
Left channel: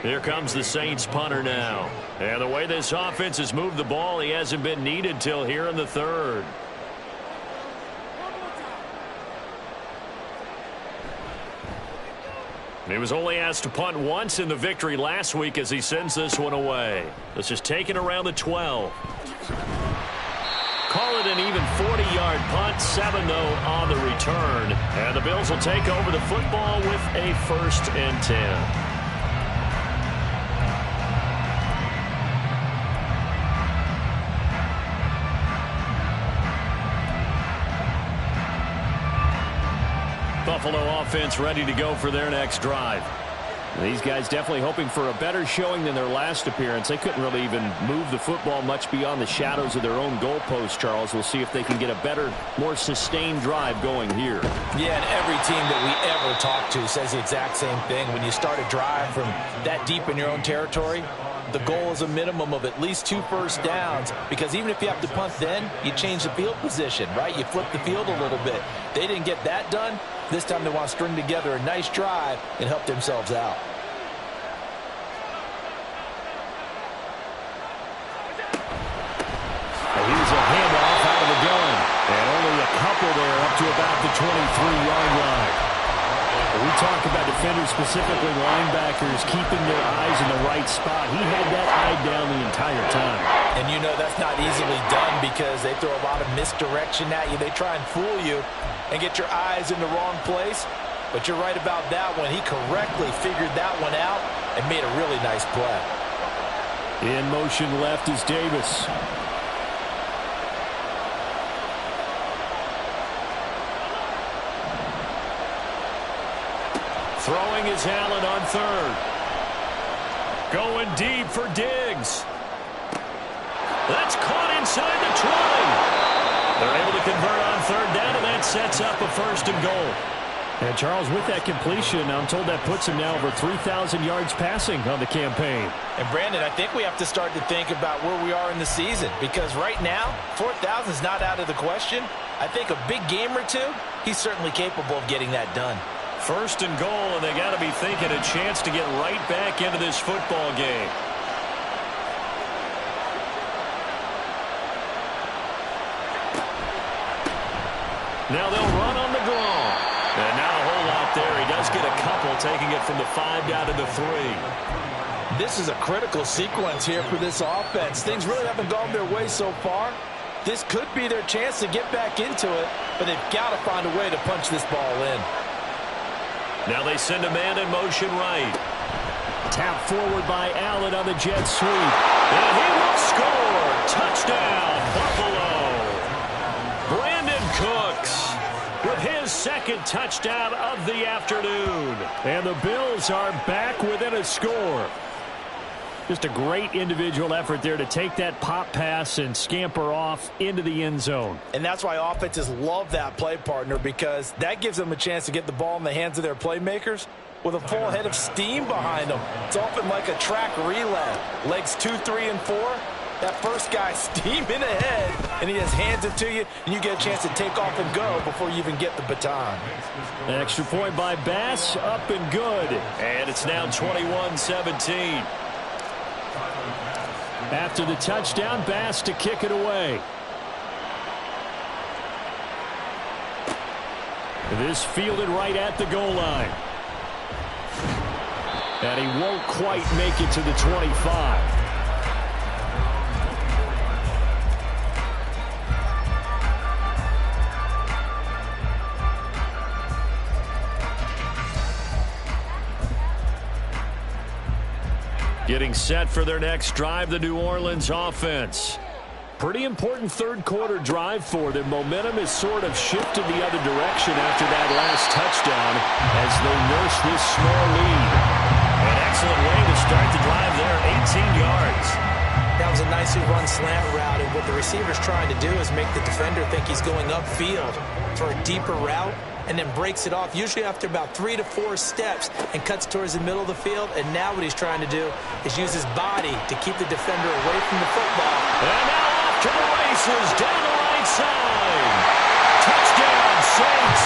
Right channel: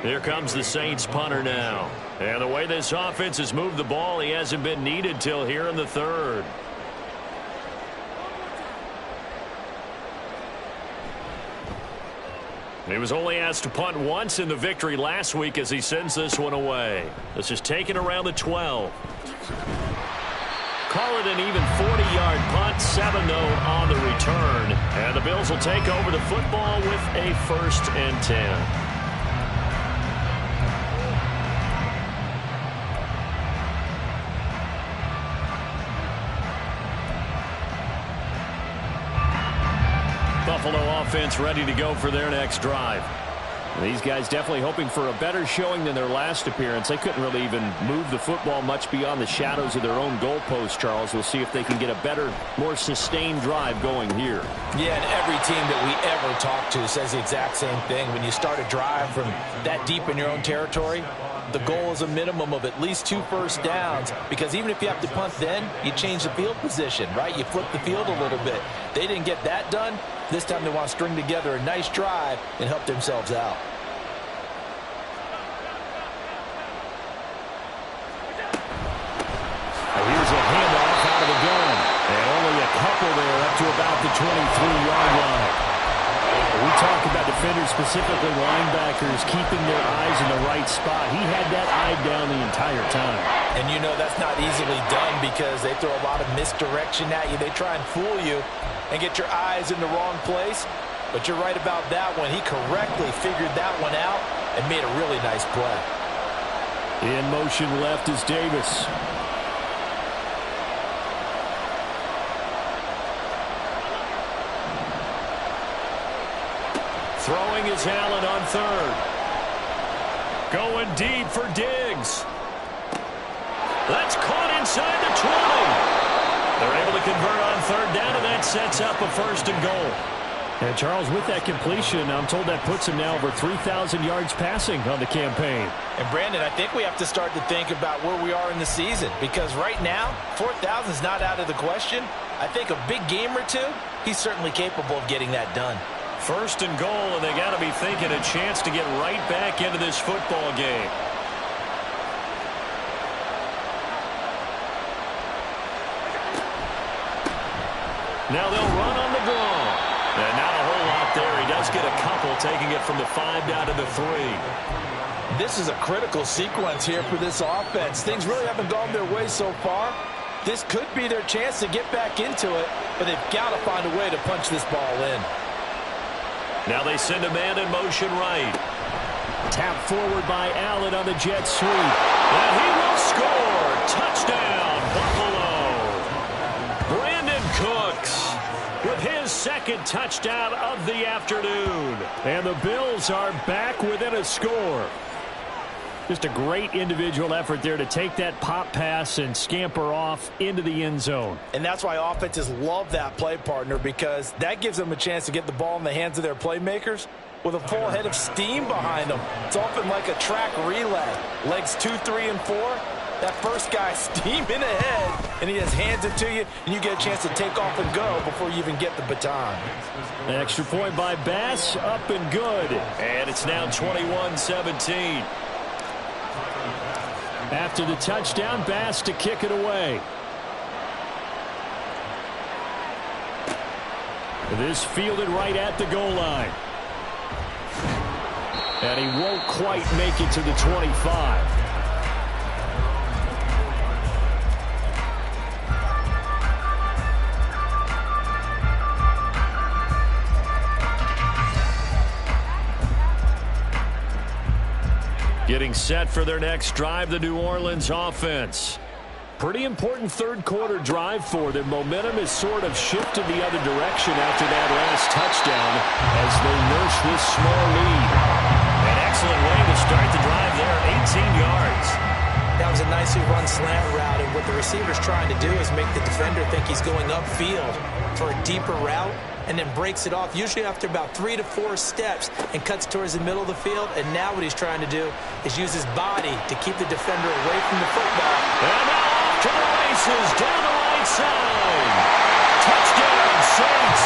Here comes the Saints punter now. And the way this offense has moved the ball, he hasn't been needed till here in the third. He was only asked to punt once in the victory last week as he sends this one away. This is taken around the 12. Call it an even 40-yard punt, 7-0 on the return. And the Bills will take over the football with a 1st and 10. Buffalo offense ready to go for their next drive. These guys definitely hoping for a better showing than their last appearance. They couldn't really even move the football much beyond the shadows of their own goalpost, Charles. We'll see if they can get a better, more sustained drive going here. Yeah, and every team that we ever talk to says the exact same thing. When you start a drive from that deep in your own territory, the goal is a minimum of at least 2 first downs, because even if you have to punt then, you change the field position, right? You flip the field a little bit. They didn't get that done. This time they want to string together a nice drive and help themselves out. Here's a handoff out of the gun. And only a couple there up to about the 23-yard line. We talk about defenders, specifically linebackers, keeping their eyes in the right spot. He had that eye down the entire time. And you know that's not easily done because they throw a lot of misdirection at you. They try and fool you and get your eyes in the wrong place. But you're right about that one. He correctly figured that one out and made a really nice play. In motion left is Davis. Throwing is Allen on third. Going deep for Diggs. That's caught inside the 20. They're able to convert on third down, and that sets up a 1st and goal. And Charles, with that completion, I'm told that puts him now over 3,000 yards passing on the campaign. And Brandon, I think we have to start to think about where we are in the season, because right now, 4,000 is not out of the question. I think a big game or two, he's certainly capable of getting that done. 1st and goal, and they got to be thinking a chance to get right back into this football game. Now they'll run on the draw. And not a whole lot there. He does get a couple, taking it from the 5 down to the 3. This is a critical sequence here for this offense. Things really haven't gone their way so far. This could be their chance to get back into it, but they've got to find a way to punch this ball in. Now they send a man in motion right. Tap forward by Allen on the jet sweep. And he will score. Touchdown, Buffalo. Brandon Cooks with his 2nd touchdown of the afternoon. And the Bills are back within a score. Just a great individual effort there to take that pop pass and scamper off into the end zone. And that's why offenses love that play, partner, because that gives them a chance to get the ball in the hands of their playmakers with a full head of steam behind them. It's often like a track relay. Legs 2, 3, and 4. That first guy steaming ahead, and he just hands it to you, and you get a chance to take off and go before you even get the baton. An extra point by Bass, up and good. And it's now 21-17. After the touchdown, Bass to kick it away. This fielded right at the goal line. And he won't quite make it to the 25. Getting set for their next drive, the New Orleans offense. Pretty important third quarter drive for them. Momentum has sort of shifted the other direction after that last touchdown as they nurse this small lead. An excellent way to start the drive there, 18 yards. That was a nicely run slant route, and what the receiver's trying to do is make the defender think he's going upfield for a deeper route, and then breaks it off, usually after about 3 to 4 steps, and cuts towards the middle of the field. And now what he's trying to do is use his body to keep the defender away from the football. And now off to the races, down the right side. Touchdown, Saints.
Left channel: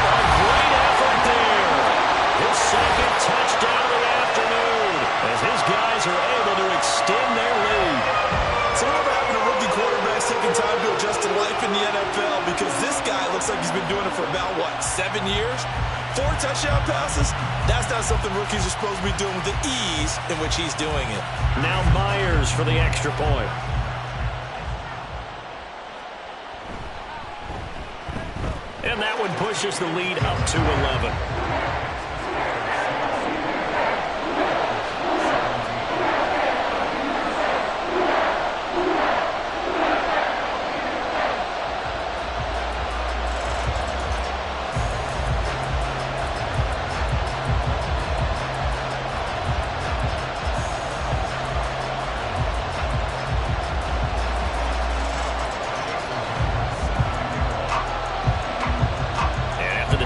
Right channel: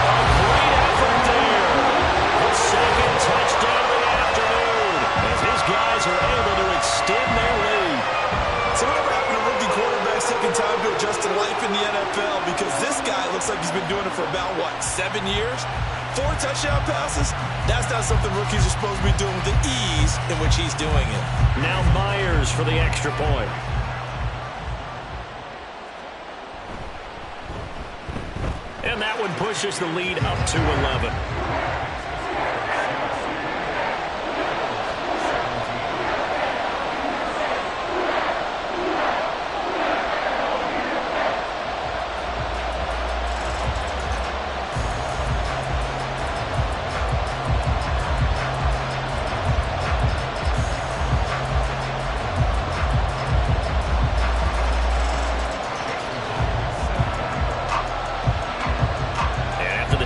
A great effort there. His 2nd touchdown of the afternoon. taking time to adjust to life in the NFL because this guy looks like he's been doing it for about, 7 years? 4 touchdown passes? That's not something rookies are supposed to be doing with the ease in which he's doing it. Now Myers for the extra point. And that one pushes the lead up to 11.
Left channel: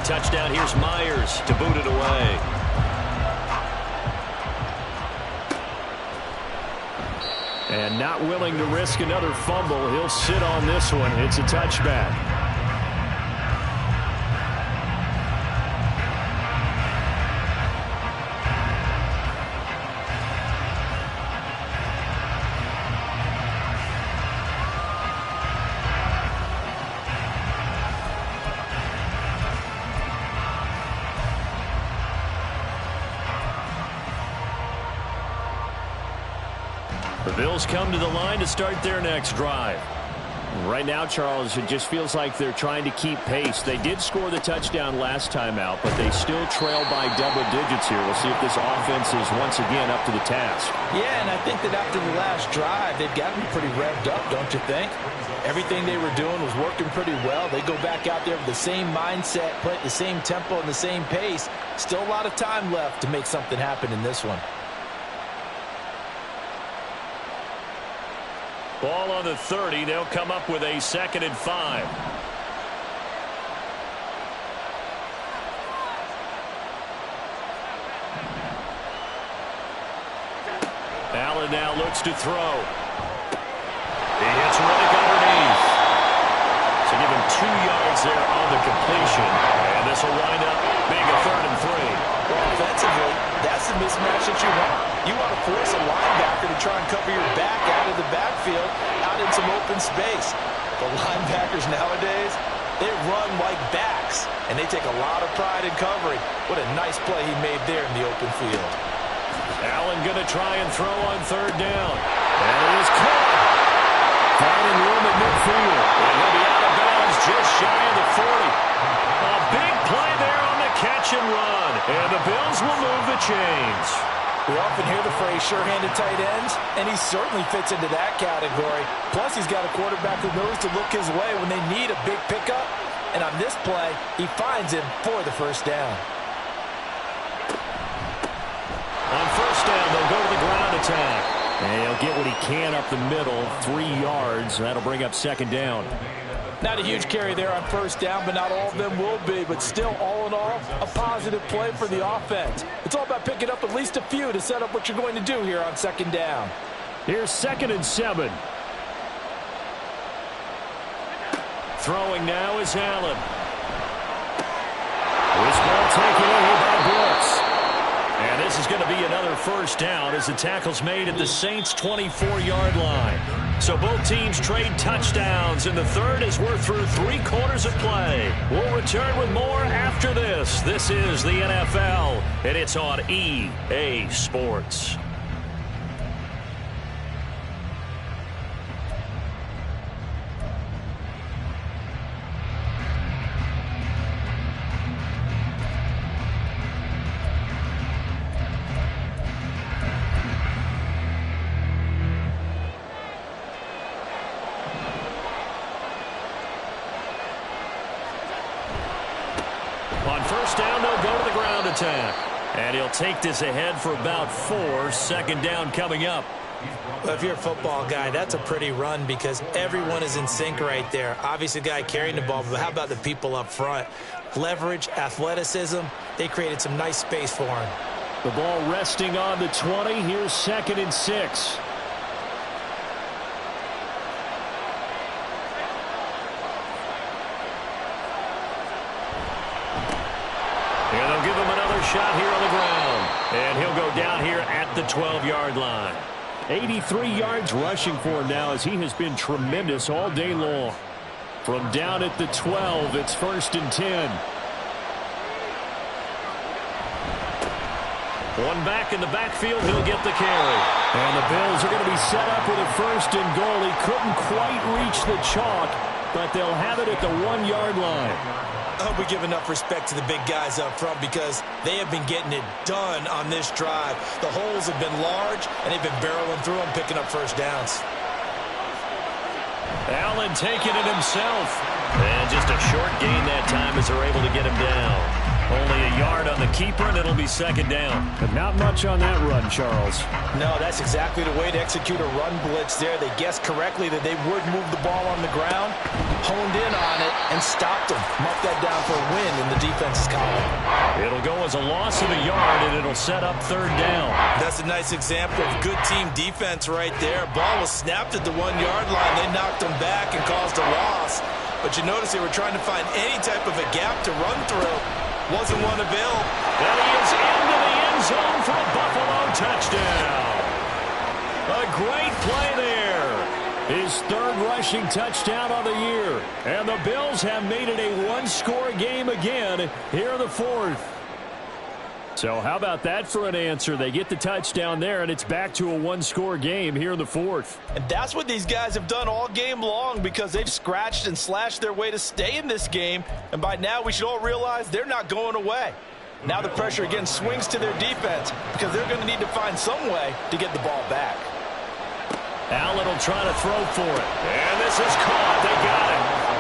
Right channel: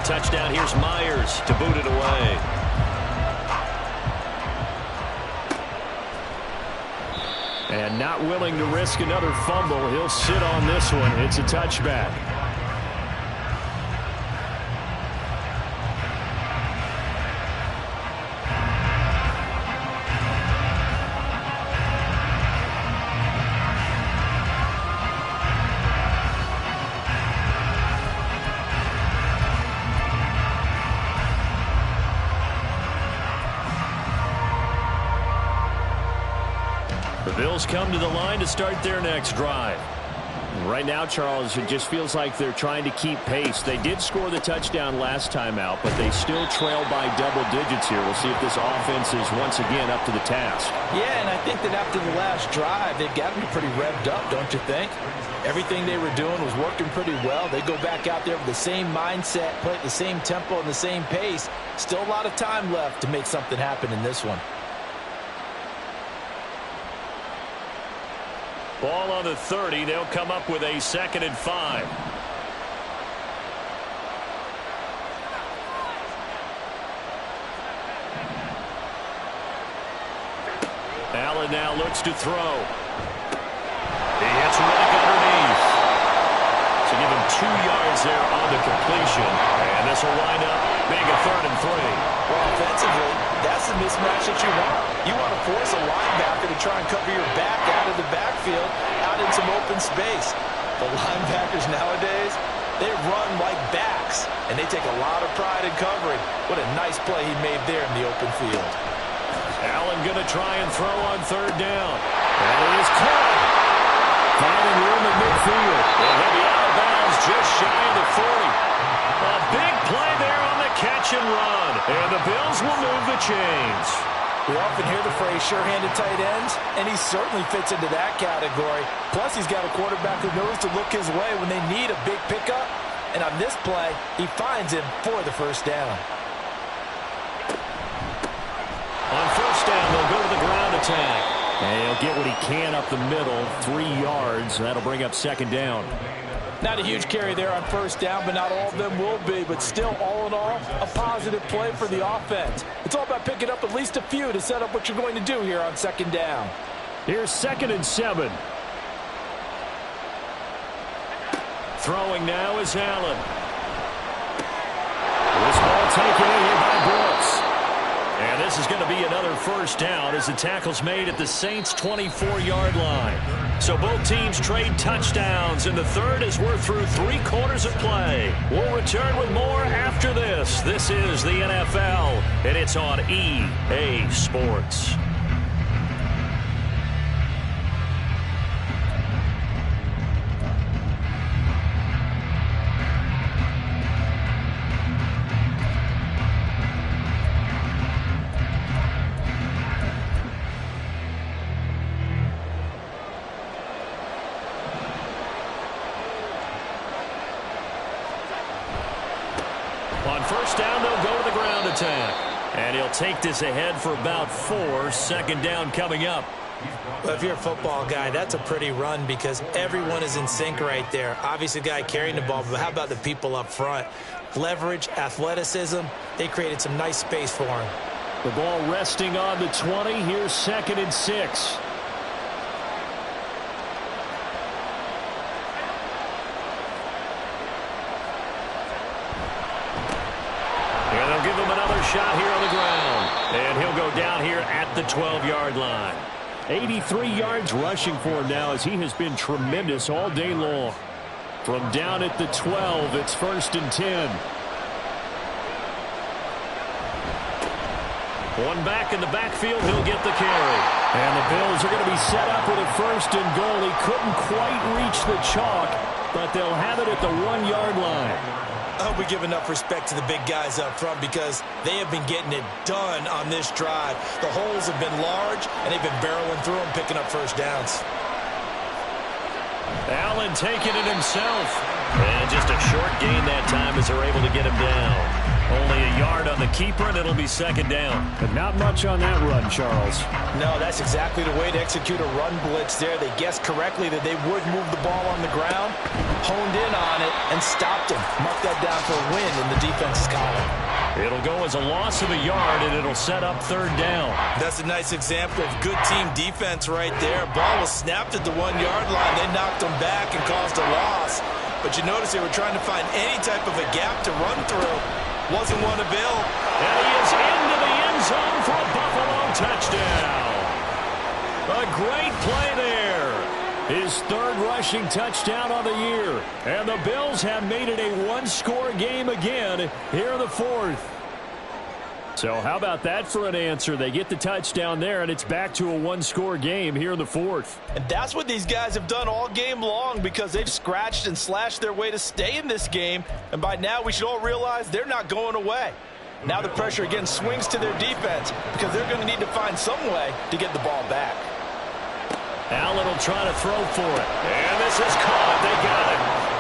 Touchdown, here's Myers to boot it away. And not willing to risk another fumble, he'll sit on this one. It's a touchback. The Bills come to the line to start their next drive. Right now, Charles, it just feels like they're trying to keep pace. They did score the touchdown last time out, but they still trail by double digits here. We'll see if this offense is once again up to the task. Yeah, and I think that after the last drive, they've got to be pretty revved up, don't you think? Everything they were doing was working pretty well. They go back out there with the same mindset, play at the same tempo and the same pace. Still a lot of time left to make something happen in this one. Ball on the 30. They'll come up with a 2nd and 5. Allen now looks to throw. He hits Riddick underneath. So give him 2 yards there on the completion. And this will wind up being a 3rd and 3. Well, offensively, that's the mismatch that you want. You want to force a linebacker to try and cover your back out of the backfield, out in some open space. The linebackers nowadays, they run like backs, and they take a lot of pride in covering. What a nice play he made there in the open field. Allen going to try and throw on 3rd down. And it is caught. Finding room at midfield. And he'll be out of bounds just shy of the 40. A big play there on the catch and run. And the Bills will move the chains. We often hear the phrase sure-handed tight ends, and he certainly fits into that category. Plus, he's got a quarterback who knows to look his way when they need a big pickup. And on this play, he finds him for the 1st down. On 1st down, they'll go to the ground attack. And he'll get what he can up the middle, 3 yards. That'll bring up 2nd down. Not a huge carry there on 1st down, but not all of them will be. But still, all in all, a positive play for the offense. It's all about picking up at least a few to set up what you're going to do here on 2nd down. Here's 2nd and 7. Throwing now is Allen. This ball taken in here by Brooks. And this is going to be another 1st down as the tackle's made at the Saints' 24-yard line. So both teams trade touchdowns in the 3rd as we're through 3 quarters of play. We'll return with more after this. This is the NFL, and it's on EA Sports. On 1st down, they'll go to the ground attack. And he'll take this ahead for about 4. 2nd down coming up. Well, if you're a football guy, that's a pretty run because everyone is in sync right there. Obviously, the guy carrying the ball, but how about the people up front? Leverage, athleticism, they created some nice space for him. The ball resting on the 20. Here's 2nd and 6. And they'll give him another shot here on the ground. And he'll go down here at the 12-yard line. 83 yards rushing for him now, as he has been tremendous all day long. From down at the 12, it's 1st and 10. One back in the backfield, he'll get the carry. And the Bills are going to be set up with a 1st and goal. He couldn't quite reach the chalk, but they'll have it at the 1-yard line. I hope we give enough respect to the big guys up front, because they have been getting it done on this drive. The holes have been large, and they've been barreling through them, picking up first downs. Allen taking it himself. And just a short gain that time as they're able to get him down. Only a yard on the keeper, and it'll be 2nd down. But not much on that run, Charles. No, that's exactly the way to execute a run blitz there. They guessed correctly that they would move the ball on the ground, honed in on it, and stopped them. Mark that down for a win in the defense's column. It'll go as a loss of a yard, and it'll set up 3rd down. That's a nice example of good team defense right there. Ball was snapped at the 1-yard line. They knocked them back and caused a loss. But you notice they were trying to find any type of a gap to run through. Wasn't one available. And he is into the end zone for a Buffalo touchdown. A great play there. His 3rd rushing touchdown on the year. And the Bills have made it a 1-score game again here in the 4th. So how about that for an answer? They get the touchdown there, and it's back to a 1-score game here in the 4th. And that's what these guys have done all game long, because they've scratched and slashed their way to stay in this game. And by now, we should all realize they're not going away. Now the pressure again swings to their defense, because they're going to need to find some way to get the ball back. Allen will try to throw for it. And this is caught. They got it.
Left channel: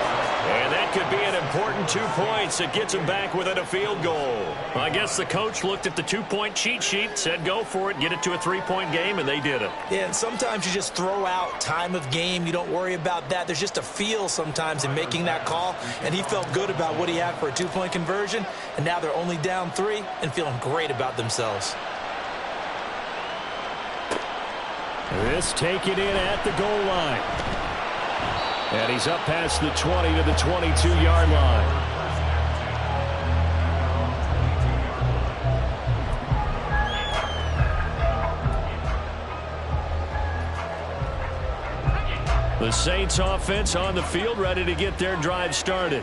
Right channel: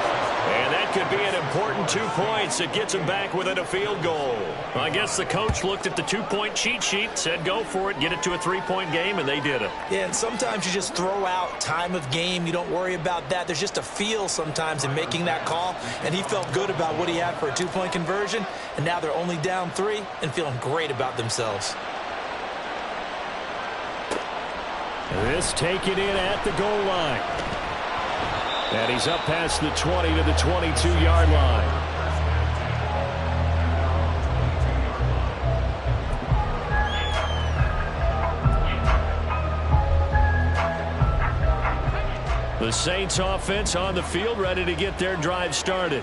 And that could be an important 2 points. It gets him back within a field goal. I guess the coach looked at the 2-point cheat sheet, said go for it, get it to a 3-point game, and they did it. Yeah, and sometimes you just throw out time of game. You don't worry about that. There's just a feel sometimes in making that call, and he felt good about what he had for a 2-point conversion, and now they're only down 3 and feeling great about themselves. This taken in at the goal line. And he's up past the 20 to the 22-yard line. The Saints offense on the field, ready to get their drive started.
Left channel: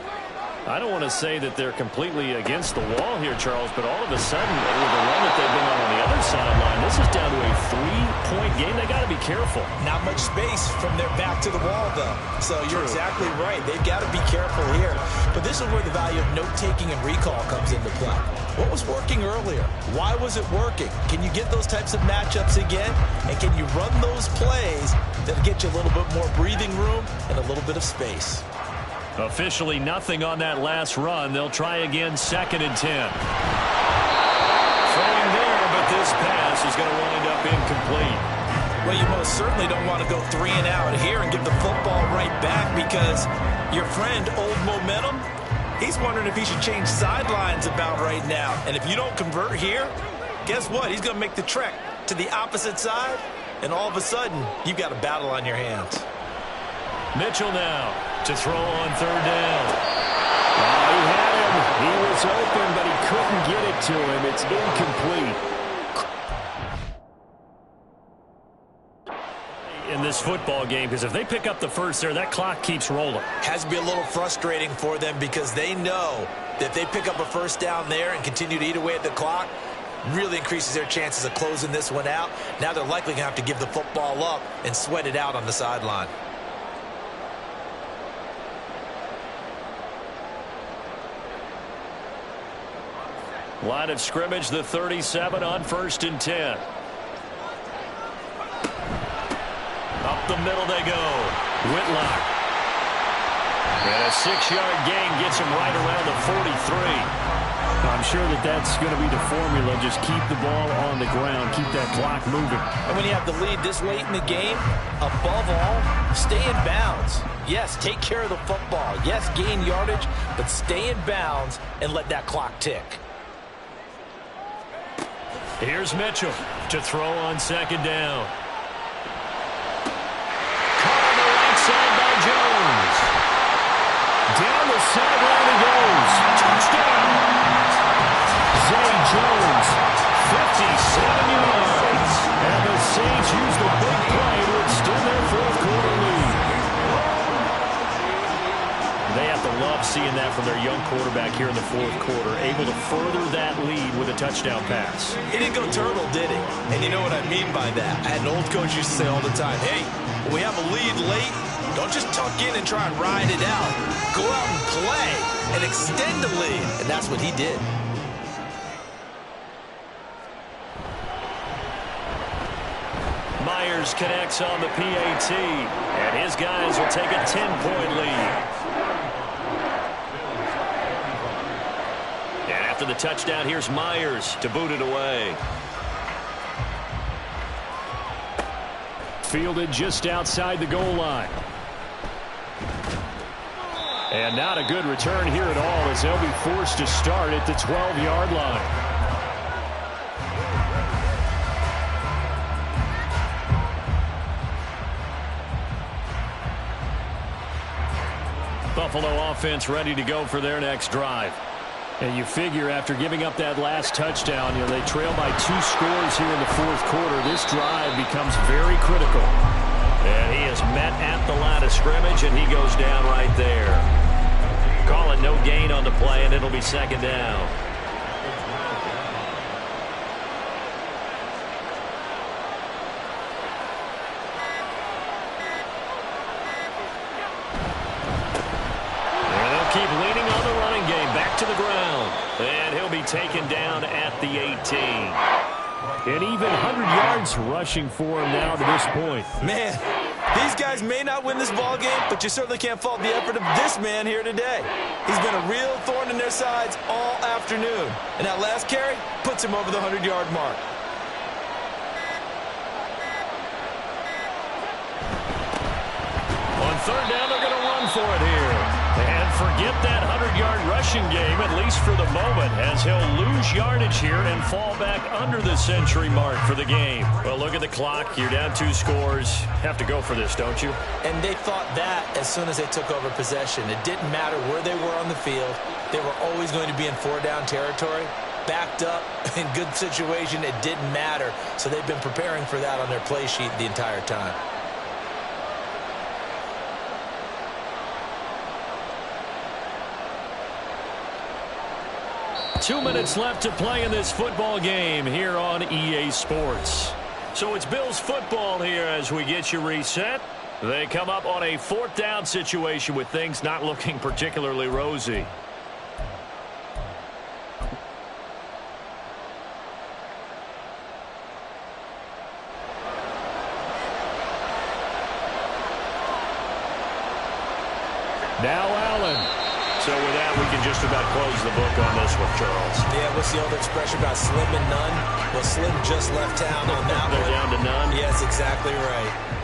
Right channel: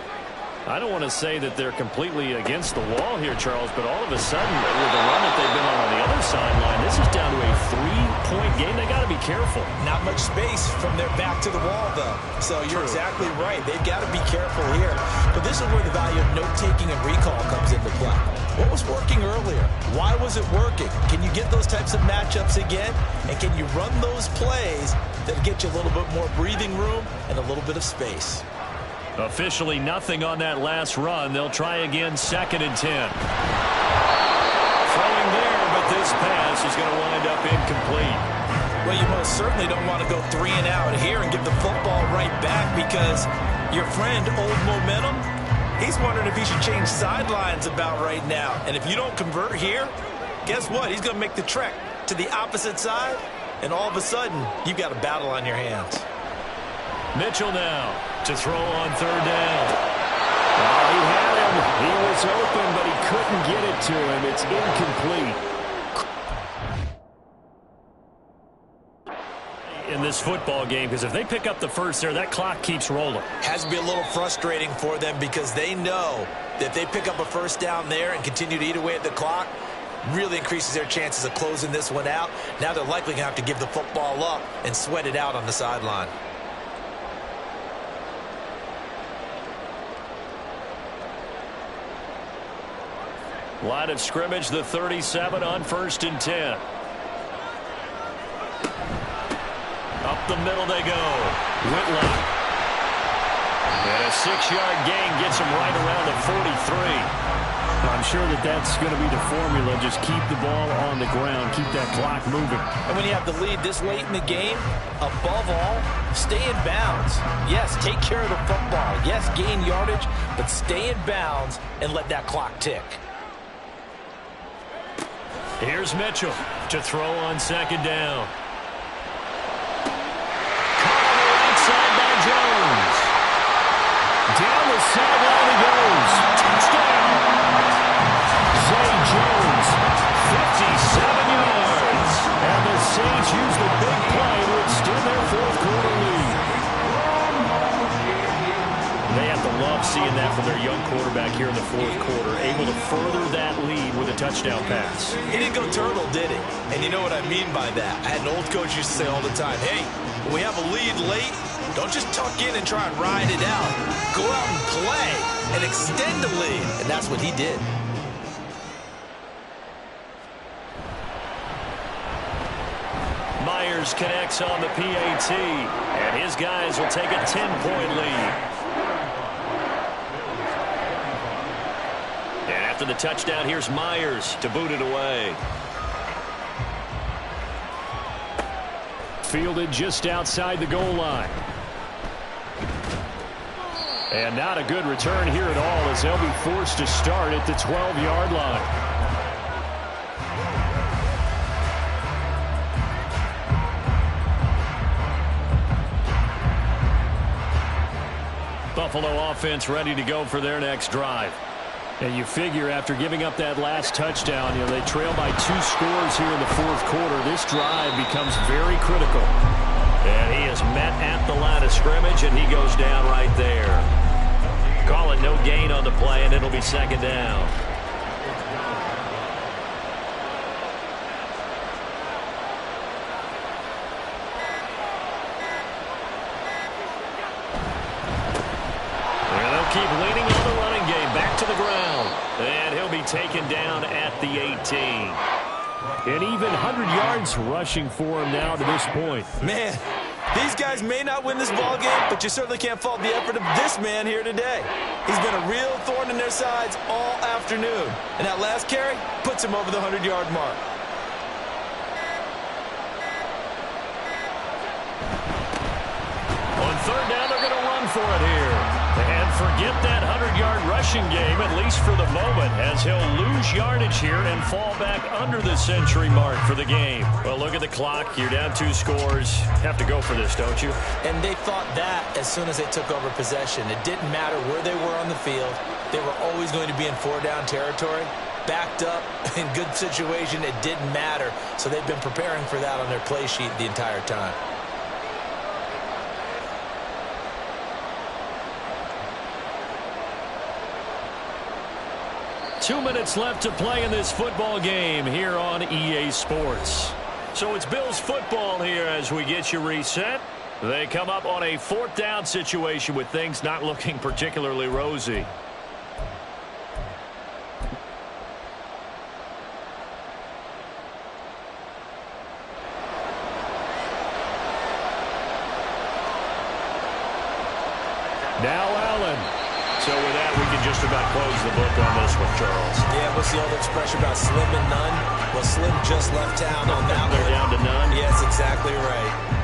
I don't want to say that they're completely against the wall here, Charles, but all of a sudden, with the run that they've been on the other sideline, this is down to a 3-point game. They got to be careful. Not much space from their back to the wall, though. So you're exactly right. They've got to be careful here. But this is where the value of note-taking and recall comes into play. What was working earlier? Why was it working? Can you get those types of matchups again? And can you run those plays that get you a little bit more breathing room and a little bit of space? Officially nothing on that last run. They'll try again, 2nd and 10. Throwing there, but this pass is going to wind up incomplete. Well, you most certainly don't want to go 3 and out here and give the football right back, because your friend, Old Momentum, he's wondering if he should change sidelines about right now. And if you don't convert here, guess what? He's going to make the trek to the opposite side, and all of a sudden, you've got a battle on your hands. Mitchell now to throw on 3rd down. Oh, he had him. He was open, but he couldn't get it to him. It's incomplete. In this football game, because if they pick up the first there, that clock keeps rolling. Has to be a little frustrating for them, because they know that if they pick up a first down there and continue to eat away at the clock, really increases their chances of closing this one out. Now they're likely going to have to give the football up and sweat it out on the sideline. Line of scrimmage, the 37 on 1st and 10. Up the middle they go. Whitlock. And a 6-yard gain gets him right around the 43. I'm sure that that's going to be the formula. Just keep the ball on the ground. Keep that clock moving. And when you have the lead this late in the game, above all, stay in bounds. Yes, take care of the football. Yes, gain yardage, but stay in bounds and let that clock tick. Here's Mitchell to throw on 2nd down. Caught on the right side by Jones. Down the sideline he goes. Touchdown. Zay Jones, 57 yards. And the Saints use the big love seeing that from their young quarterback here in the fourth quarter, able to further that lead with a touchdown pass. He didn't go turtle, did he? And you know what I mean by that. I had an old coach used to say all the time, hey, when we have a lead late, don't just tuck in and try and ride it out. Go out and play and extend the lead. And that's what he did. Myers connects on the PAT, and his guys will take a 10-point lead. And after the touchdown, here's Myers to boot it away. Fielded just outside the goal line. And not a good return here at all, as they'll be forced to start at the 12-yard line. Buffalo offense ready to go for their next drive. And you figure after giving up that last touchdown, they trail by 2 scores here in the fourth quarter. This drive becomes very critical. And he is met at the line of scrimmage, and he goes down right there. Call it no gain on the play, and it'll be second down. Keep leaning on the running game. Back to the ground. And he'll be taken down at the 18. And even 100 yards rushing for him now to this point. Man, these guys may not win this ball game, but you certainly can't fault the effort of this man here today. He's been a real thorn in their sides all afternoon. And that last carry puts him over the 100-yard mark. On third down, they're going to run for it here. And forget that 100-yard rushing game, at least for the moment, as he'll lose yardage here and fall back under the century mark for the game. Well, look at the clock. You're down 2 scores. Have to go for this, don't you? And they thought that as soon as they took over possession. It didn't matter where they were on the field. They were always going to be in 4-down territory. Backed up, in good situation, it didn't matter. So they've been preparing for that on their play sheet the entire time. Two minutes left to play in this football game here on EA Sports. So it's Bills football here as we get you reset. They come up on a 4th down situation with things not looking particularly rosy. Now Allen. So with that, we can just about close the book on this one, Charles. Yeah, what's the old expression about slim and none? Well, Slim just left town on that one. They're down to none? Yes, exactly right.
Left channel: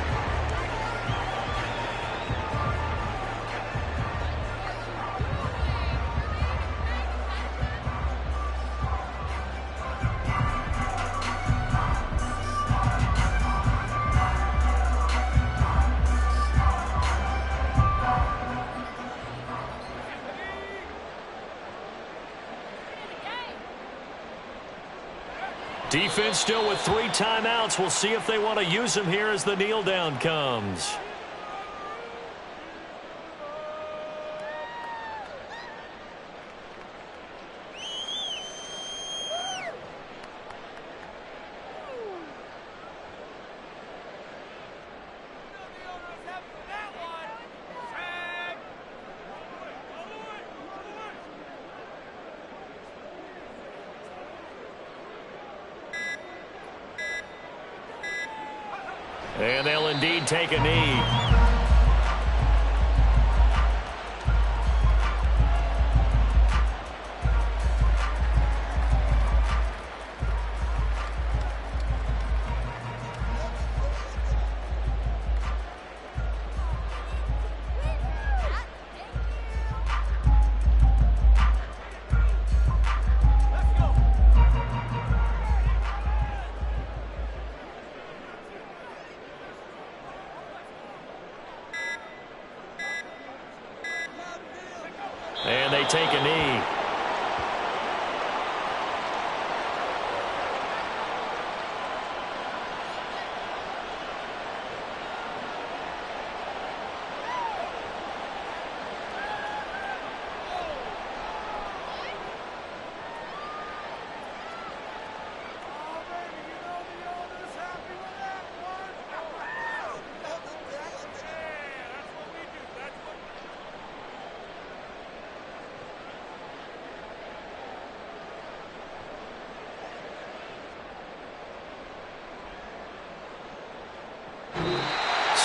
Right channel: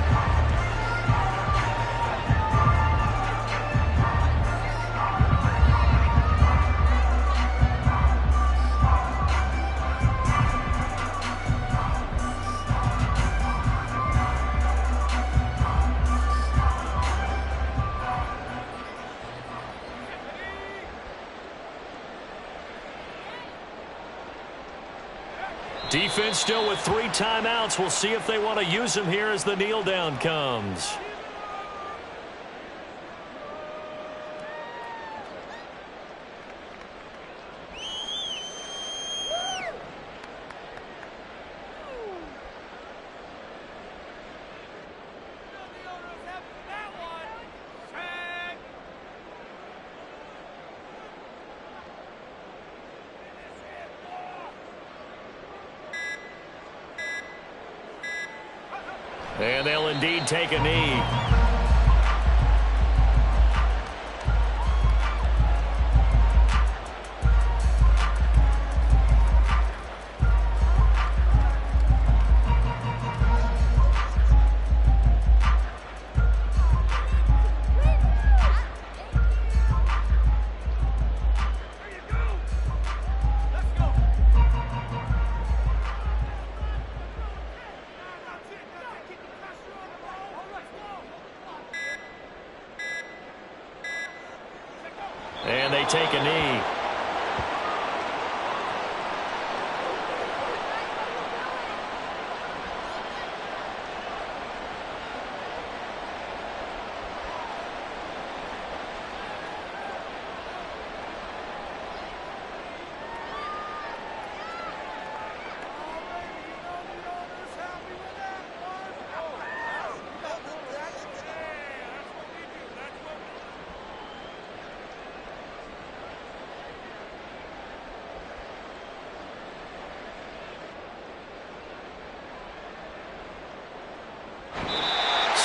Defense still with 3 timeouts. We'll see if they want to use them here as the kneel down comes. And they'll indeed take a knee. And they take a knee.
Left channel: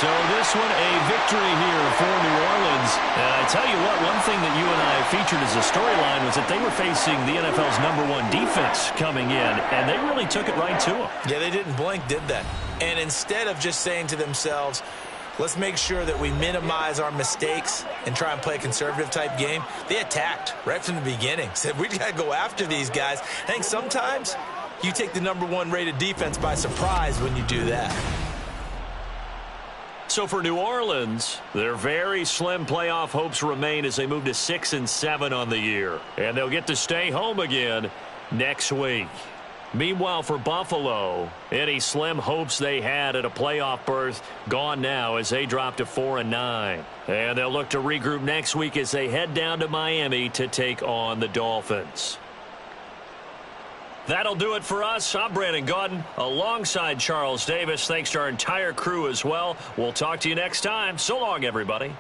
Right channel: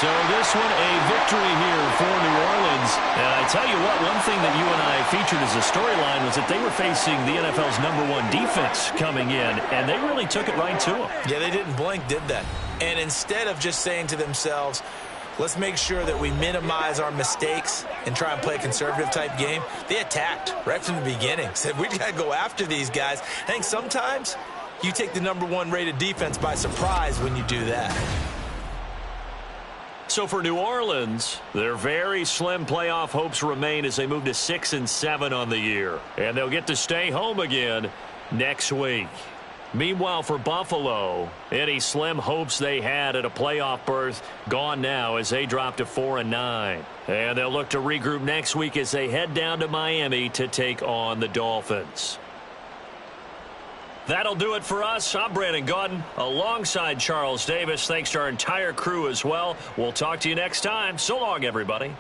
So this one a victory here for New Orleans. And I tell you what, one thing that you and I featured as a storyline was that they were facing the NFL's #1 defense coming in, and they really took it right to them. Yeah, they didn't blink, did they? And instead of just saying to themselves, let's make sure that we minimize our mistakes and try and play a conservative-type game, they attacked right from the beginning. Said, we got to go after these guys. I think sometimes you take the #1 rated defense by surprise when you do that. So for New Orleans, their very slim playoff hopes remain as they move to 6-7 on the year. And they'll get to stay home again next week. Meanwhile, for Buffalo, any slim hopes they had at a playoff berth gone now as they drop to 4-9. And they'll look to regroup next week as they head down to Miami to take on the Dolphins. That'll do it for us. I'm Brandon Gaudin alongside Charles Davis. Thanks to our entire crew as well. We'll talk to you next time. So long, everybody.